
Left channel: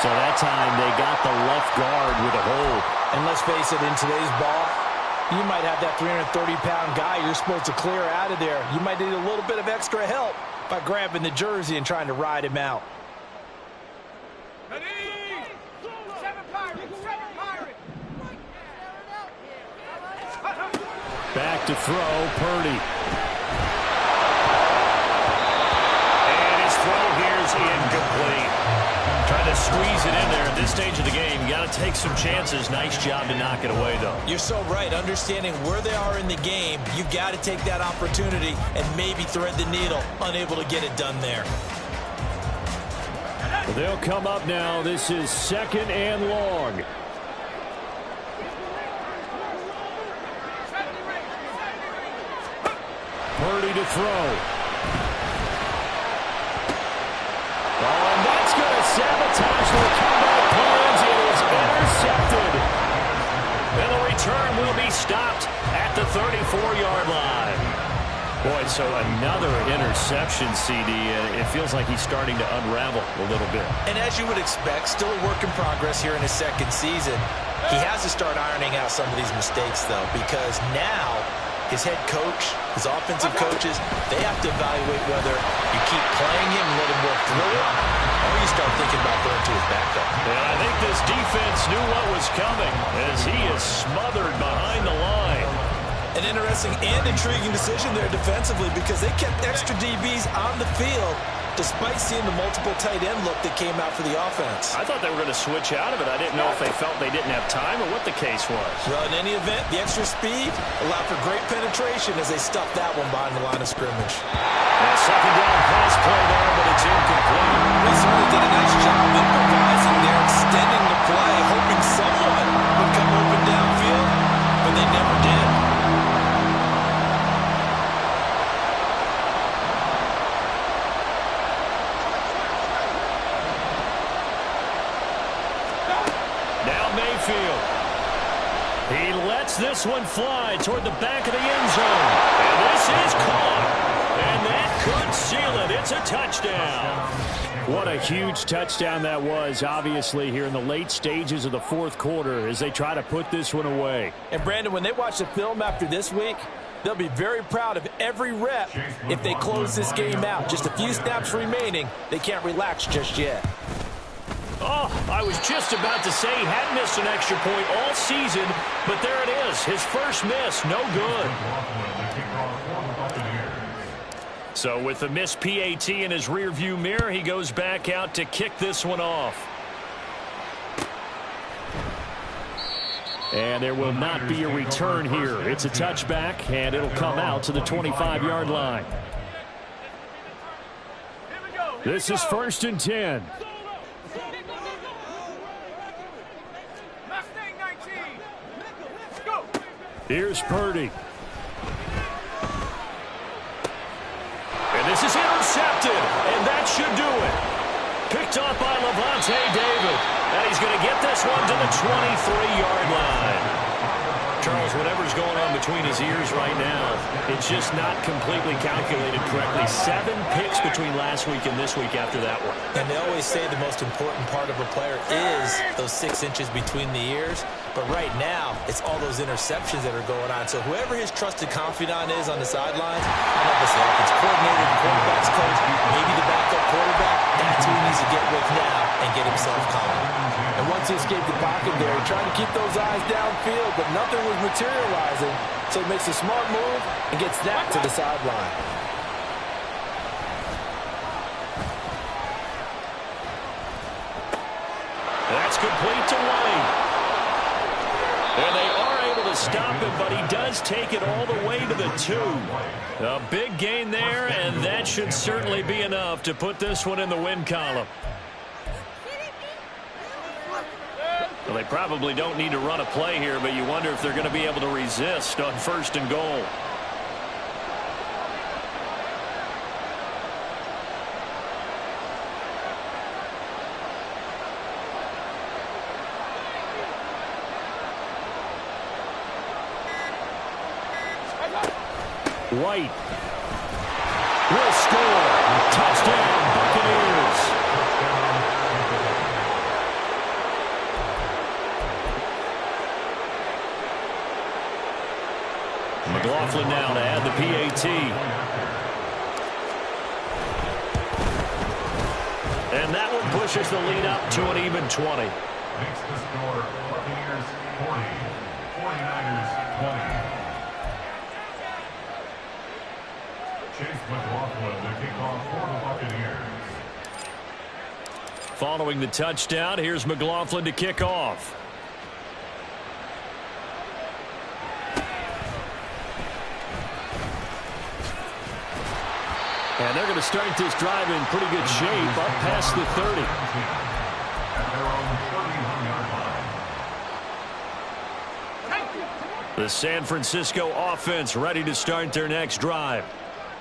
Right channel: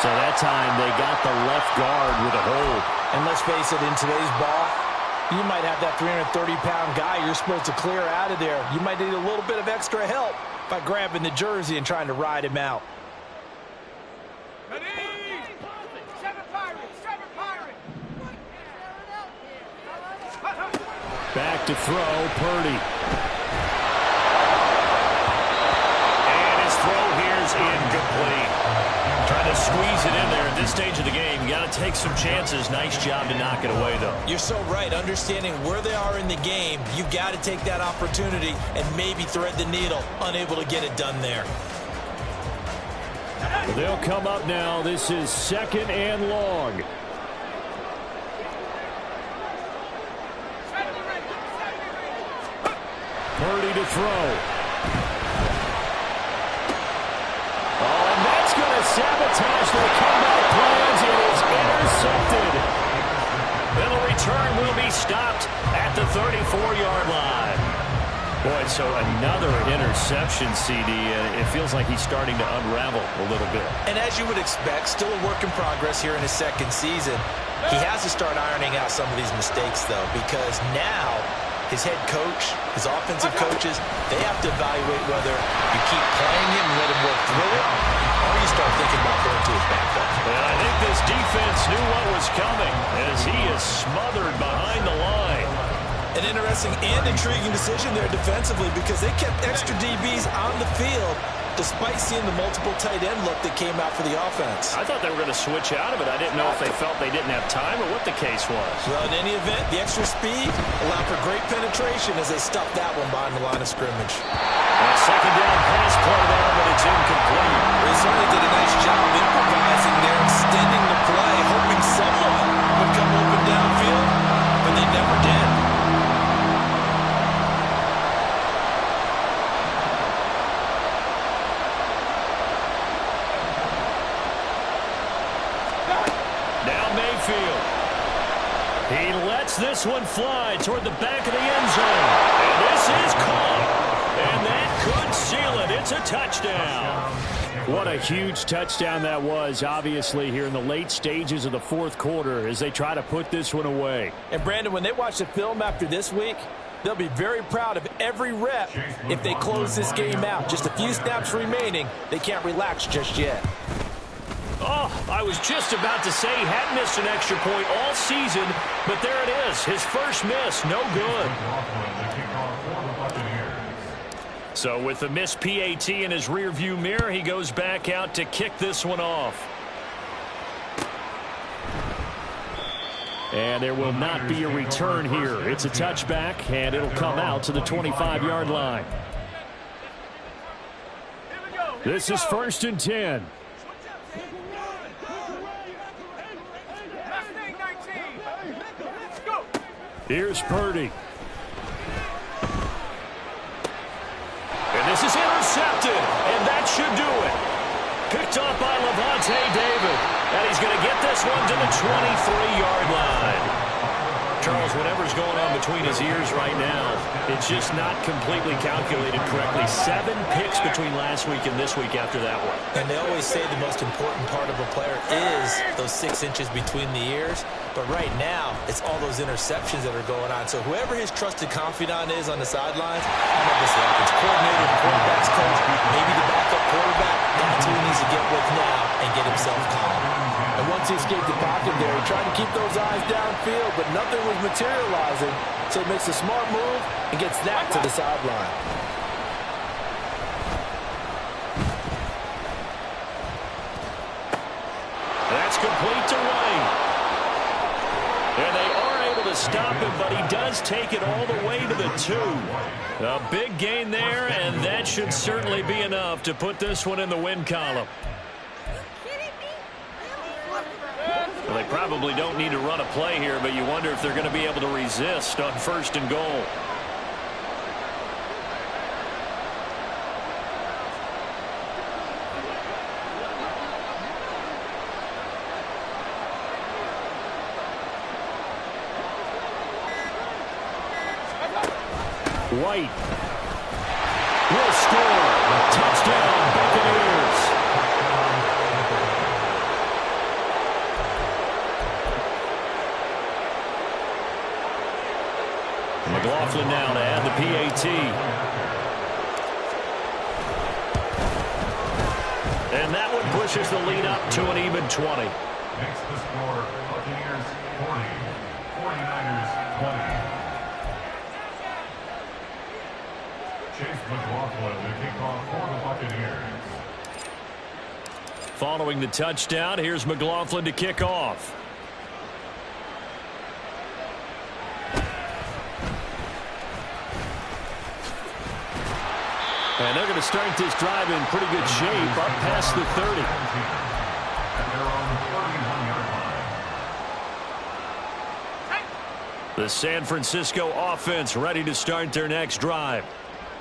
So that time they got the left guard with a hold. And let's face it, in today's ball, you might have that 330-pound guy you're supposed to clear out of there. You might need a little bit of extra help by grabbing the jersey and trying to ride him out. Back to throw, Purdy. And his throw here's incomplete. Trying to squeeze it in there at this stage of the game. You got to take some chances. Nice job to knock it away, though. You're so right. Understanding where they are in the game, you've got to take that opportunity and maybe thread the needle. Unable to get it done there. They'll come up now. This is 2nd and long. Purdy to throw. Oh, and that's going to sabotage their comeback plans. It is intercepted. And the return will be stopped at the 34-yard line. Boy, so another interception, CD. It feels like he's starting to unravel a little bit. And as you would expect, still a work in progress here in his second season. He has to start ironing out some of these mistakes, though, because now his head coach, his offensive coaches, they have to evaluate whether you keep playing him and let him work through it, or you start thinking about going to his backup. And I think this defense knew what was coming as he is smothered behind the line. An interesting and intriguing decision there defensively because they kept extra DBs on the field despite seeing the multiple tight end look that came out for the offense. I thought they were going to switch out of it. I didn't know if they felt they didn't have time or what the case was. Well, in any event, the extra speed allowed for great penetration as they stuffed that one behind the line of scrimmage. A second down pass play there, but it's incomplete. They certainly did a nice job improvising there, extending the play, hoping someone would come open downfield, but they never did. Now Mayfield. He lets this one fly toward the back of the end zone. And this is caught. And that could seal it. It's a touchdown. What a huge touchdown that was, obviously, here in the late stages of the fourth quarter as they try to put this one away. And, Brandon, when they watch the film after this week, they'll be very proud of every rep if they close this game out. Just a few snaps remaining. They can't relax just yet. Oh, I was just about to say he hadn't missed an extra point all season, but there it is. His first miss, no good. So with the missed PAT in his rearview mirror, he goes back out to kick this one off. And there will not be a return here. It's a touchback, and it'll come out to the 25-yard line. This is 1st and 10. Here's Purdy. And this is intercepted, and that should do it. Picked off by Levante David. And he's going to get this one to the 23-yard line. Charles, whatever's going on between his ears right now, it's just not completely calculated correctly. 7 picks between last week and this week after that one. And they always say the most important part of a player is those 6 inches between the ears. But right now, it's all those interceptions that are going on. So whoever his trusted confidant is on the sidelines, I don't know if it's the offense coordinator, the quarterback's coach, maybe the backup quarterback, that's who he needs to get with now and get himself calm. And once he escaped the pocket there, he tried to keep those eyes downfield, but nothing was materializing. So he makes a smart move and gets that to the sideline. That's complete to White. And they are able to stop him, but he does take it all the way to the 2. A big gain there, and that should certainly be enough to put this one in the win column. Well, they probably don't need to run a play here, but you wonder if they're going to be able to resist on 1st and goal. White will score. Touchdown, Buccaneers. McLaughlin now to add the PAT. And that one pushes the lead up to an even 20. Makes the score Buccaneers 40, 49ers 20. Chase McLaughlin to kick off for the Buccaneers. Following the touchdown, here's McLaughlin to kick off. And they're going to start this drive in pretty good shape up past the 30. At their own 31-yard line. The San Francisco offense ready to start their next drive.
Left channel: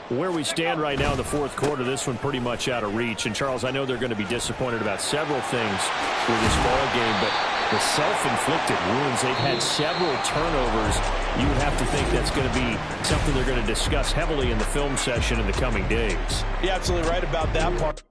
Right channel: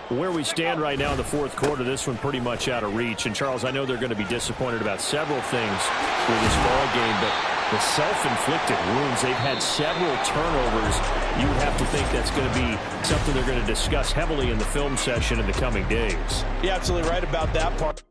Where we stand right now in the 4th quarter, this one pretty much out of reach. And, Charles, I know they're going to be disappointed about several things with this ball game, but the self-inflicted wounds, they've had several turnovers. You would have to think that's going to be something they're going to discuss heavily in the film session in the coming days. You're absolutely right about that part.